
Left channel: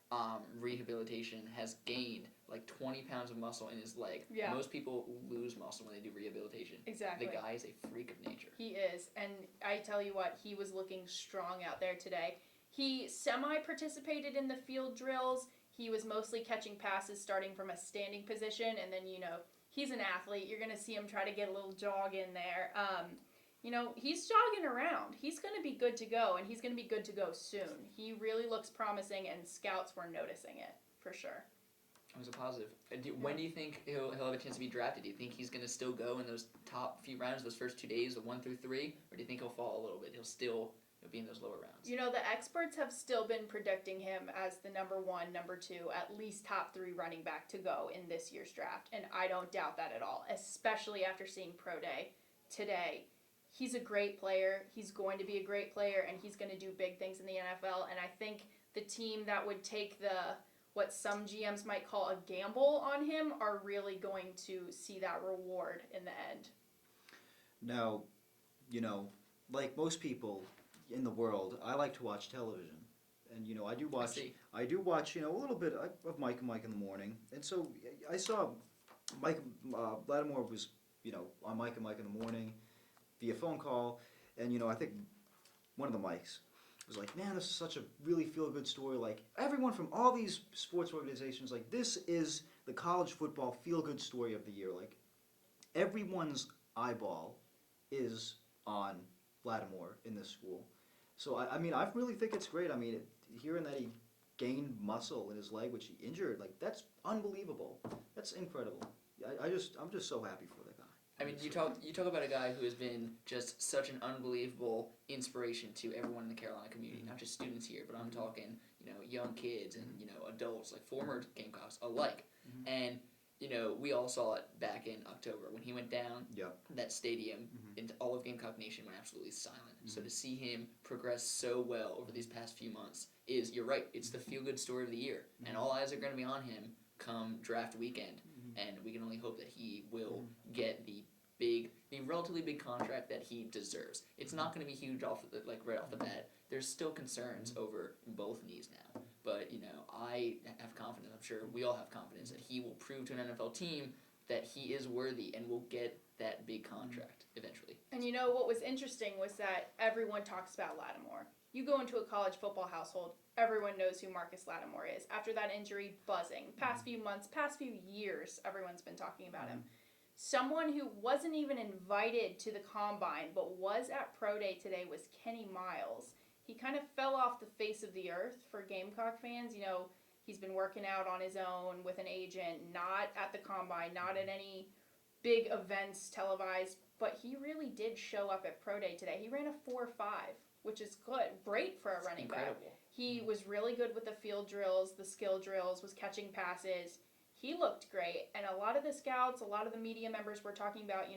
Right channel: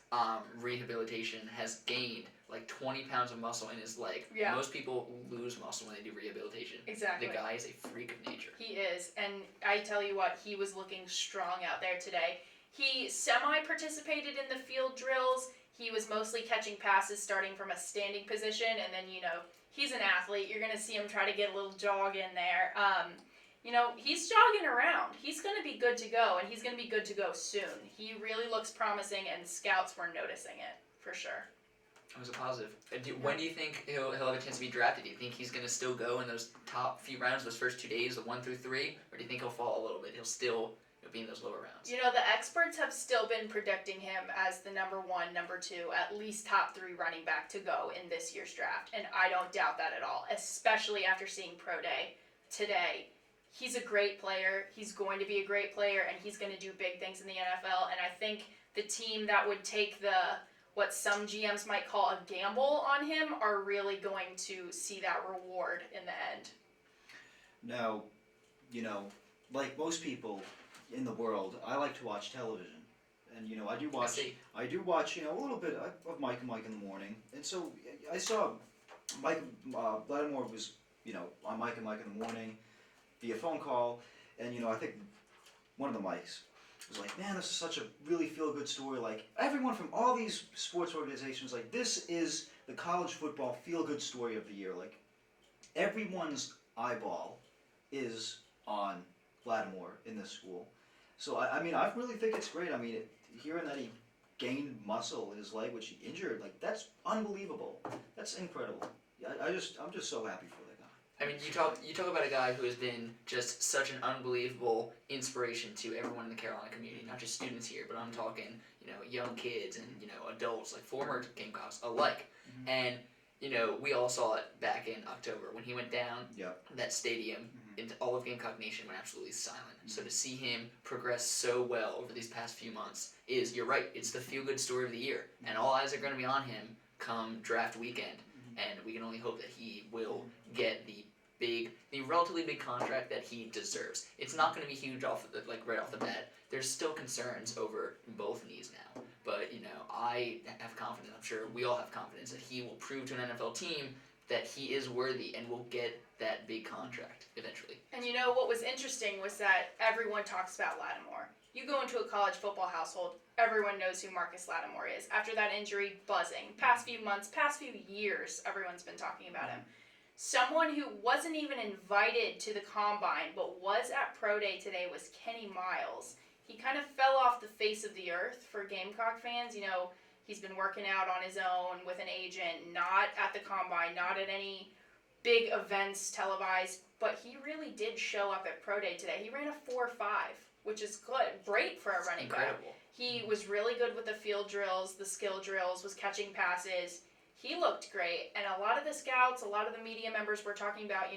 rehabilitation, has gained like 20 pounds of muscle in his leg. Yeah. Most people lose muscle when they do rehabilitation. Exactly. The guy is a freak of nature. He is, and I tell you what, he was looking strong out there today. He semi-participated in the field drills. He was mostly catching passes starting from a standing position, and then, he's an athlete. You're going to see him try to get a little jog in there. He's jogging around. He's going to be good to go, and he's going to be good to go soon. He really looks promising, and scouts were noticing it, for sure. It was a positive. When do you think he'll have a chance to be drafted? Do you think he's going to still go in those top few rounds, those first 2 days, the 1 through 3? Or do you think he'll fall a little bit? He'll still be in those lower rounds? The experts have still been predicting him as the number 1, number 2, at least top 3 running back to go in this year's draft. And I don't doubt that at all, especially after seeing Pro Day today. He's a great player. He's going to be a great player, and he's going to do big things in the NFL. And I think the team that would take what some GMs might call a gamble on him are really going to see that reward in the end. Now, like most people in the world, I like to watch television. And, I do watch, a little bit of Mike and Mike in the morning. And so I saw Mike, Lattimore was, on Mike and Mike in the morning via phone call. And, I think one of the mics was like, man, this is such a really feel-good story. Like, everyone from all these sports organizations, like, this is the college football feel-good story of the year. Like, everyone's eyeball is on Lattimore in this school. So, I really think it's great. Hearing that he gained muscle in his leg, which he injured, like, that's unbelievable. That's incredible. I'm just so happy for that guy. You talk about a guy who has been just such an unbelievable inspiration to everyone in the Carolina community, not just students here, but I'm talking, young kids and, adults, like former Gamecocks alike. Mm-hmm. And, we all saw it back in October when he went down. Yep. That stadium, Mm-hmm. and all of Gamecock Nation went absolutely silent. Mm-hmm. So to see him progress so well over these past few months you're right, it's the feel-good story of the year. Mm-hmm. And all eyes are going to be on him come draft weekend. Mm-hmm. And we can only hope that he will get the relatively big contract that he deserves. It's not going to be huge right off the bat. There's still concerns over both knees now, but I have confidence. I'm sure we all have confidence that he will prove to an NFL team that he is worthy and will get that big contract eventually. And what was interesting was that everyone talks about Lattimore. You go into a college football household, everyone knows who Marcus Lattimore is. After that injury, buzzing. Past few months, past few years, everyone's been talking about him. Someone who wasn't even invited to the combine but was at Pro Day today was Kenny Miles. He kind of fell off the face of the earth for Gamecock fans. He's been working out on his own with an agent, not at the combine, not at any big events televised, but he really did show up at Pro Day today. He ran a 4.5, which is good, great for a running back. He was really good with the field drills, the skill drills, was catching passes. He looked great, and a lot of the scouts, a lot of the media members were talking about,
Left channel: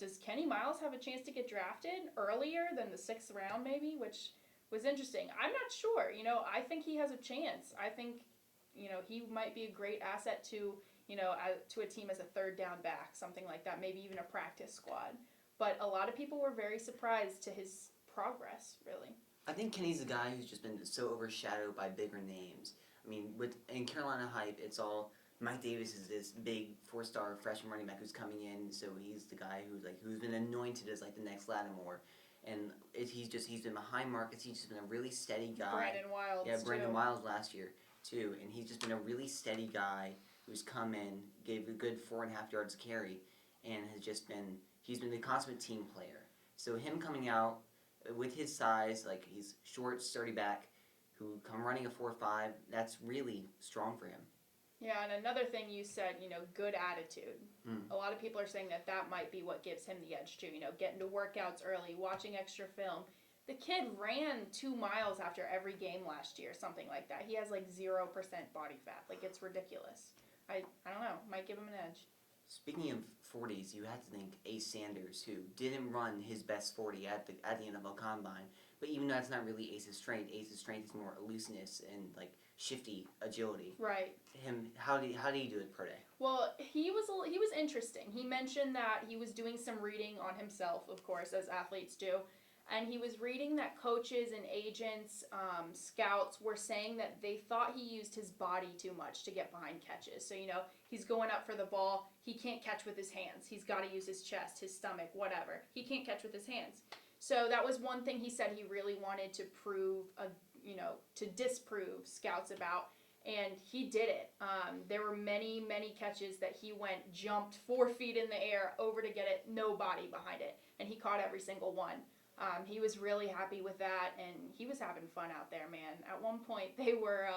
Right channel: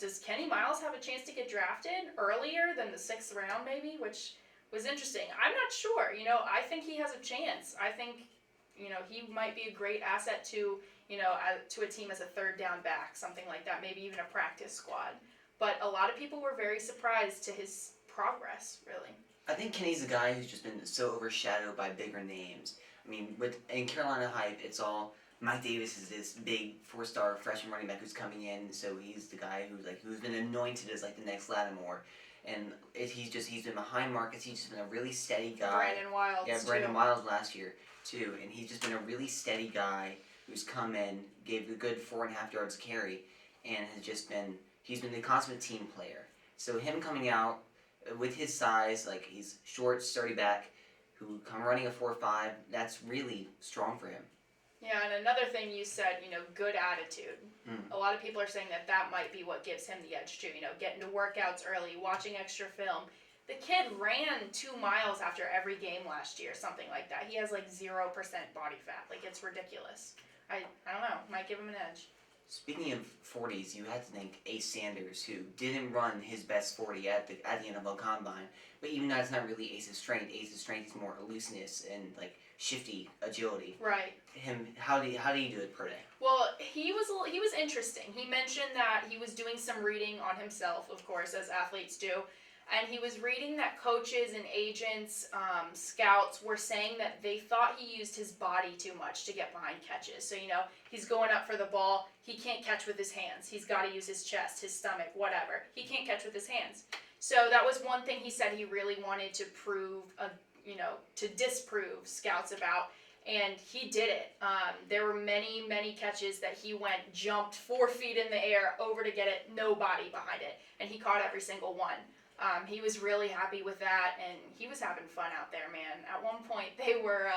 does Kenny Miles have a chance to get drafted earlier than the 6th round maybe, which was interesting. I'm not sure. I think he has a chance. I think, he might be a great asset to, to a team as a 3rd down back, something like that, maybe even a practice squad. But a lot of people were very surprised to his progress, really. I think Kenny's a guy who's just been so overshadowed by bigger names. In Carolina hype, it's all Mike Davis is this big 4-star freshman running back who's coming in, so he's the guy who's been anointed as the next Lattimore. And he's been behind Marcus. He's just been a really steady guy. Brandon Wiles. Yeah, Brandon Wiles last year too, and he's just been a really steady guy who's come in, gave a good 4.5 yards carry, and he's been the consummate team player. So him coming out with his size, he's short, sturdy back, who come running a 4.5, that's really strong for him. Yeah, and another thing you said, good attitude. A lot of people are saying that might be what gives him the edge too. Getting to workouts early, watching extra film. The kid ran 2 miles after every game last year, something like that. He has like 0% body fat. Like, it's ridiculous. I don't know. Might give him an edge. Speaking of 40s, you had to think Ace Sanders, who didn't run his best 40 at the NFL Combine, but even though that's not really Ace's strength is more looseness and like shifty agility. Right. How do you do it per day? Well, he was interesting. He mentioned that he was doing some reading on himself, of course, as athletes do. And he was reading that coaches and agents, scouts were saying that they thought he used his body too much to get behind catches. So, he's going up for the ball. He can't catch with his hands. He's got to use his chest, his stomach, whatever. He can't catch with his hands. So that was one thing he said he really wanted to to disprove scouts about. And he did it. There were many, many catches that he jumped 4 feet in the air over to get it, no body behind it. And he caught every single one. He was really happy with that, and he was having fun out there, man. At one point, they were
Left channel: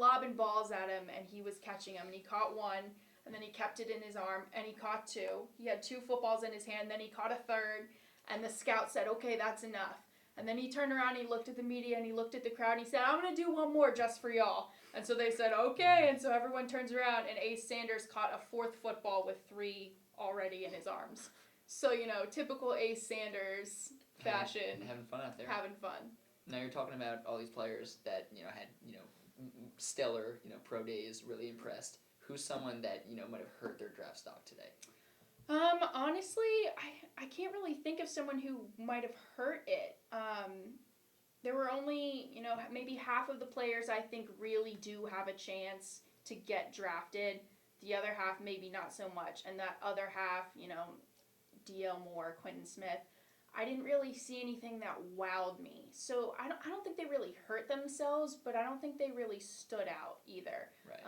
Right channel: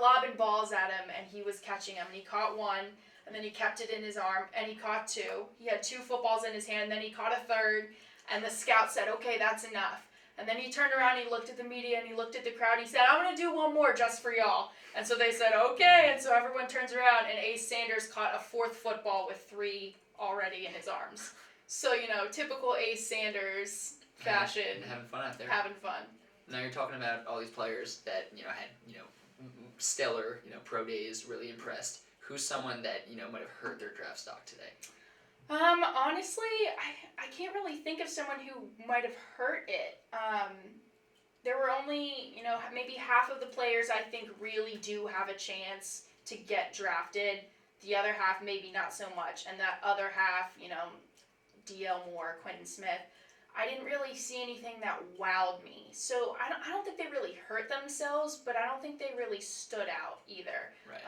lobbing balls at him, and he was catching them. And he caught one, and then he kept it in his arm, and he caught 2. He had 2 footballs in his hand, then he caught a 3rd, and the scout said, "Okay, that's enough." And then he turned around, and he looked at the media, and he looked at the crowd. He said, "I'm going to do one more just for y'all." And so they said, "Okay." And so everyone turns around, and Ace Sanders caught a 4th football with 3 already in his arms. So, typical Ace Sanders fashion. Having fun out there. Having fun. Now you're talking about all these players that had stellar pro days, really impressed. Who's someone that might have hurt their draft stock today? Honestly, I can't really think of someone who might have hurt it. There were only maybe half of the players I think really do have a chance to get drafted. The other half maybe not so much, and that other half, D.L. Moore, Quentin Smith, I didn't really see anything that wowed me. So I don't think they really hurt themselves, but I don't think they really stood out either. Right.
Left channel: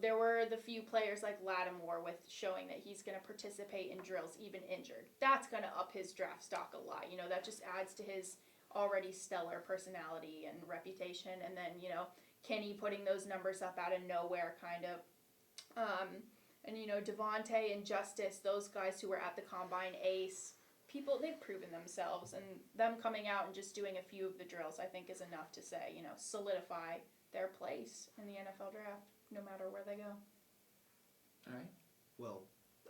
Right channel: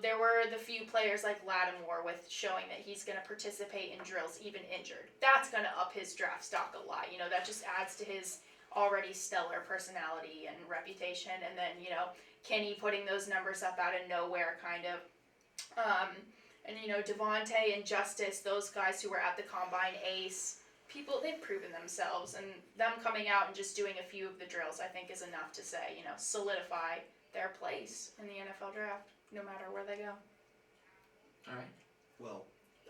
There were the few players like Lattimore with showing that he's going to participate in drills even injured. That's going to up his draft stock a lot. That just adds to his already stellar personality and reputation. And then, Kenny putting those numbers up out of nowhere kind of. Devontae and Justice, those guys who were at the Combine, Ace, they've proven themselves, and them coming out and just doing a few of the drills, I think, is enough to say, solidify their place in the NFL draft, no matter where they go. All right. Well,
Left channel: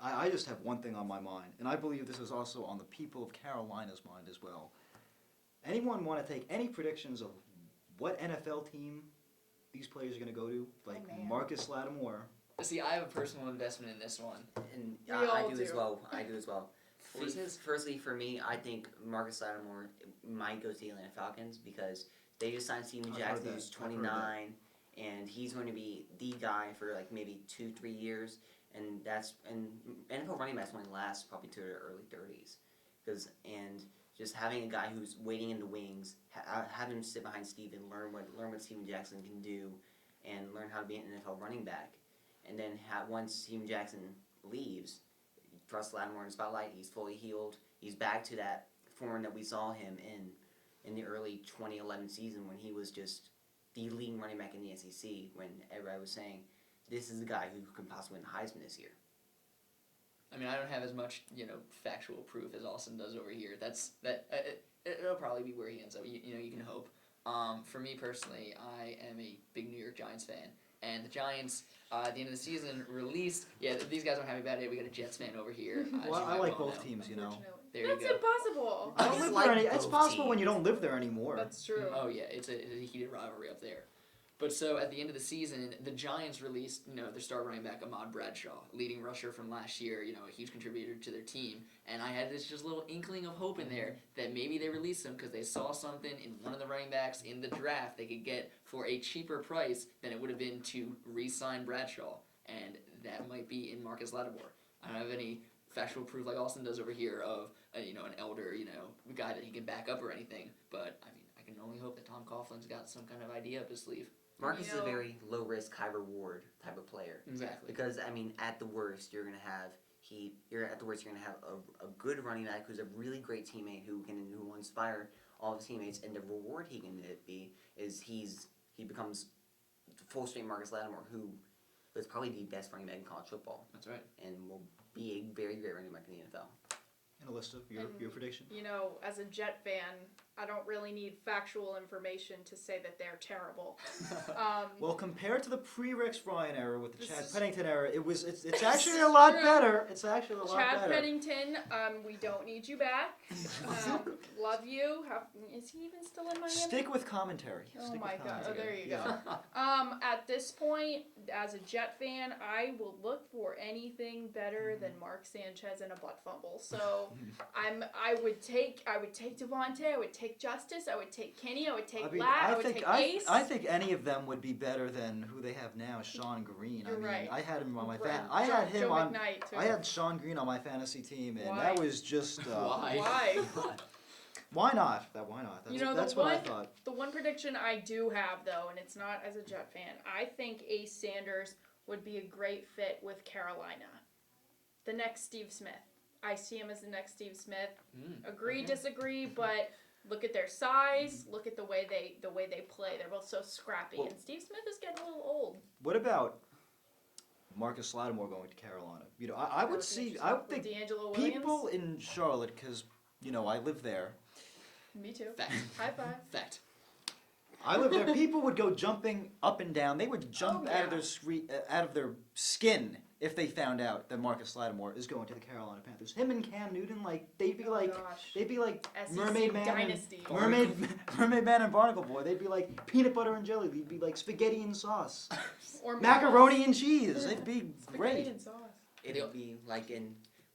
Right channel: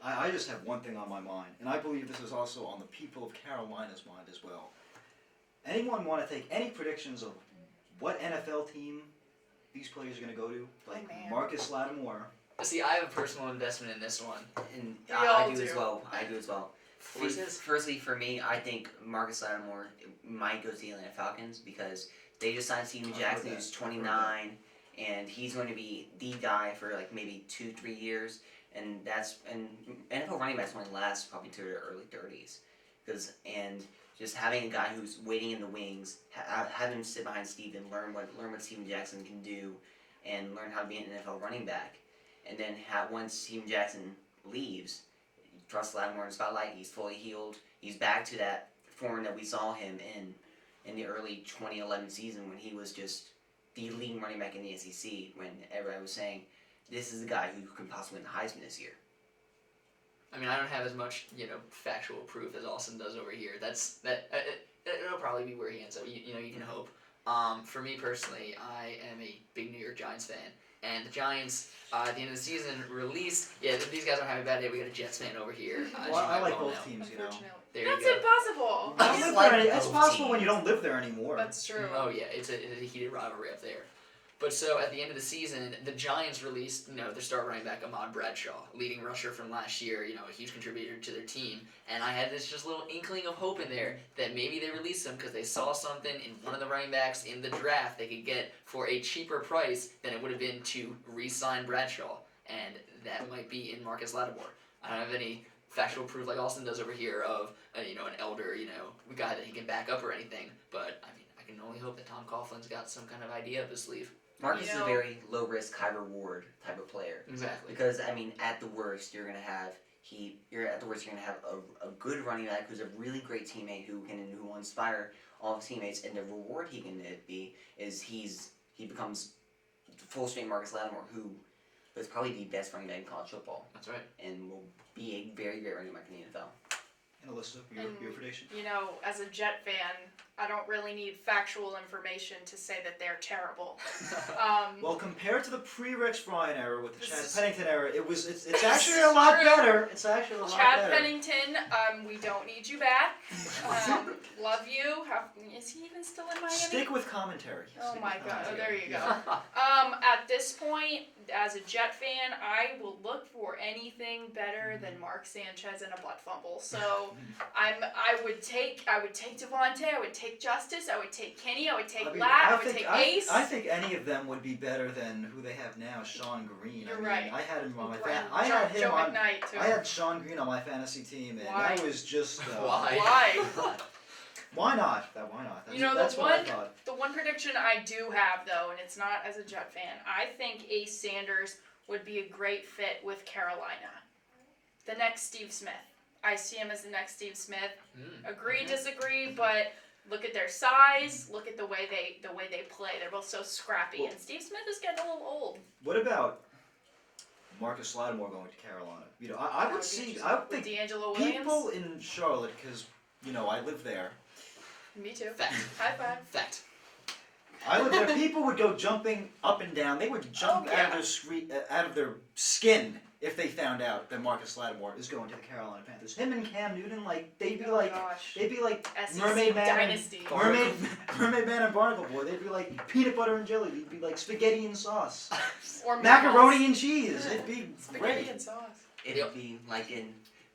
I just have one thing on my mind, and I believe this is also on the people of Carolina's mind as well. Anyone want to take any predictions of what NFL team these players are going to go to? Like Marcus Lattimore. See, I have a personal investment in this one. And We all I do do. as well. Firstly, for me, I think Marcus Lattimore might go to the Atlanta Falcons because they just signed Steven Jackson, who's 29, and he's going to be the guy for like maybe 2-3 years, and NFL running backs only last probably to their early 30s, and just having a guy who's waiting in the wings, have him sit behind Steven, learn what Steven Jackson can do, and learn how to be an NFL running back, and then once Steven Jackson leaves, trust Lattimore in the spotlight. He's fully healed. He's back to that form that we saw him in the early 2011 season when he was just the leading running back in the SEC. When everybody was saying, "This is the guy who could possibly win the Heisman this year." I mean, I don't have as much factual proof as Austin does over here. It'll probably be where he ends up. You can hope. For me personally, I am a big New York Giants fan. And the Giants, at the end of the season, released. Yeah, these guys aren't having a bad day. We got a Jets fan over here. Well, I like both teams, Unfortunately. There you That's go. impossible. I don't live like there it's both possible teams. when you don't live there anymore. That's true. Oh yeah, it's a heated rivalry up there. But so at the end of the season, the Giants released their star running back Ahmad Bradshaw, leading rusher from last year. A huge contributor to their team. And I had this just little inkling of hope in there that maybe they released him because they saw something in one of the running backs in the draft they could get for a cheaper price than it would have been to re-sign Bradshaw, and that might be in Marcus Lattimore. I don't have any factual proof like Austin does over here of an elder guy that he can back up or anything. But I mean, I can only hope that Tom Coughlin's got some kind of idea up his sleeve. Marcus is a very low risk, high reward type of player. Exactly. Because at the worst, you're gonna have a good running back who's a really great teammate who will inspire all his teammates, and the reward he can be is he becomes full strength Marcus Lattimore, who is probably the best running back in college football. That's right. And will be a very great running back in the NFL. And Alyssa, your prediction? You know, as a Jet fan, I don't really need factual information to say that they're terrible. Well, compared to the pre-Rex Bryan era with the Chad This is- Pennington era, it's actually a lot True. better. It's actually a lot Chad better. Pennington, we don't need you back. Love you. Is he even still in Miami? Stick with commentary. Oh Stick my with god, oh, there commentary. you go. At this point, as a Jet fan, I will look for anything better than Mark Sanchez and a butt fumble. So I would take Devontae, I would take Justice, I would take Kenny, I would take I would take Ace. I think any of them would be better than who they have now, Sean Green. You're I mean, right. I had him on my Right. I had him Joe on. McKnight, too. I had Sean Green on my fantasy team, and Why? that was just Why? Why? Why not? Why not? That's, You know, that's the what I one- thought. The one prediction I do have, though, and it's not as a Jet fan, I think Ace Sanders would be a great fit with Carolina. The next Steve Smith. I see him as the next Steve Smith. Agree, disagree, but look at their size. Look at the way they play. They're both so scrappy, and Steve Smith is getting a little old. What about Marcus Lattimore going to Carolina? You know, I would see. I would think D'Angelo Williams. people in Charlotte, because you know I live there. Me too. Fact. High five. Fact. I live there. People would go jumping up and down. They would jump Oh, yeah. out of their skin if they found out that Marcus Lattimore is going to the Carolina Panthers. Him and Cam Newton, like they'd be Oh, like gosh. SEC Mermaid Man Dynasty. Mermaid Man and Barnacle Boy. They'd be like peanut butter and jelly. They'd be like spaghetti and sauce, Or macaroni and cheese. It'd be Spaghetti great. and sauce. It'd be like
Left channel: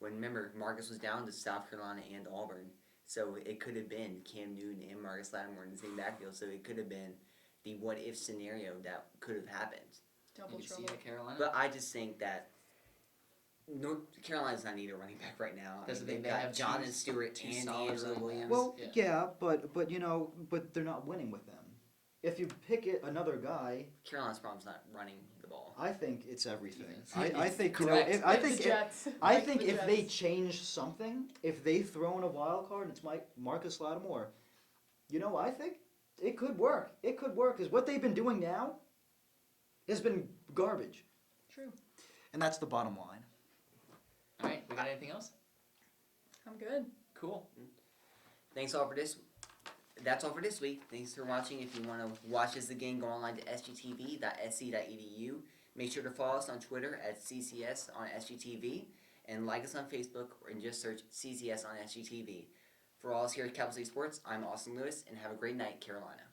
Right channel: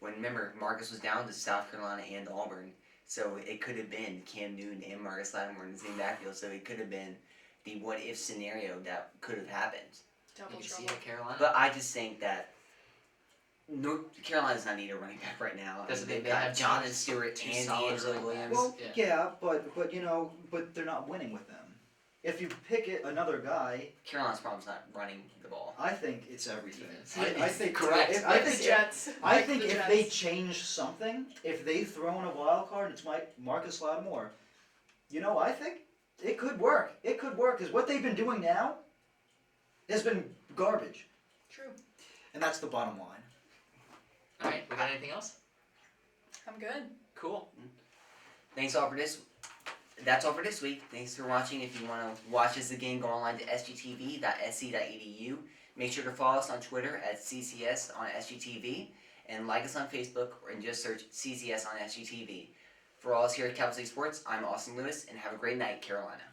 remember Marcus was down to South Carolina and Auburn, so it could have been Cam Newton and Marcus Lattimore in the same backfield. So it could have been the what if scenario that could have happened. Double You can see trouble. it, Carolina. But I just think that North Carolina's not need a running back right now. That's the thing, They've they got have Jonathan two Stewart and solid D'Angelo running Williams. backs. Well, yeah, but you know, but they're not winning with them. If you pick another guy, Carolina's problem's not running the ball. I think it's everything. Defense. I think Correct. I Like think the Jets. I Like think the if Jets. they change something, if they throw in a wild card, it's Marcus Lattimore. You know, I think it could work. It could work because what they've been doing now has been garbage, True. and that's the bottom line. All right. We got anything else? I'm good. Cool. Thanks all for this. That's all for this week. Thanks for watching. If you want to watch as the game, go online to sgtv.sc.edu. Make sure to follow us on Twitter at CCS on SGTV and like us on Facebook and just search CCS on SGTV. For all us here at Capital City Sports, I'm Austin Lewis, and have a great night, Carolina.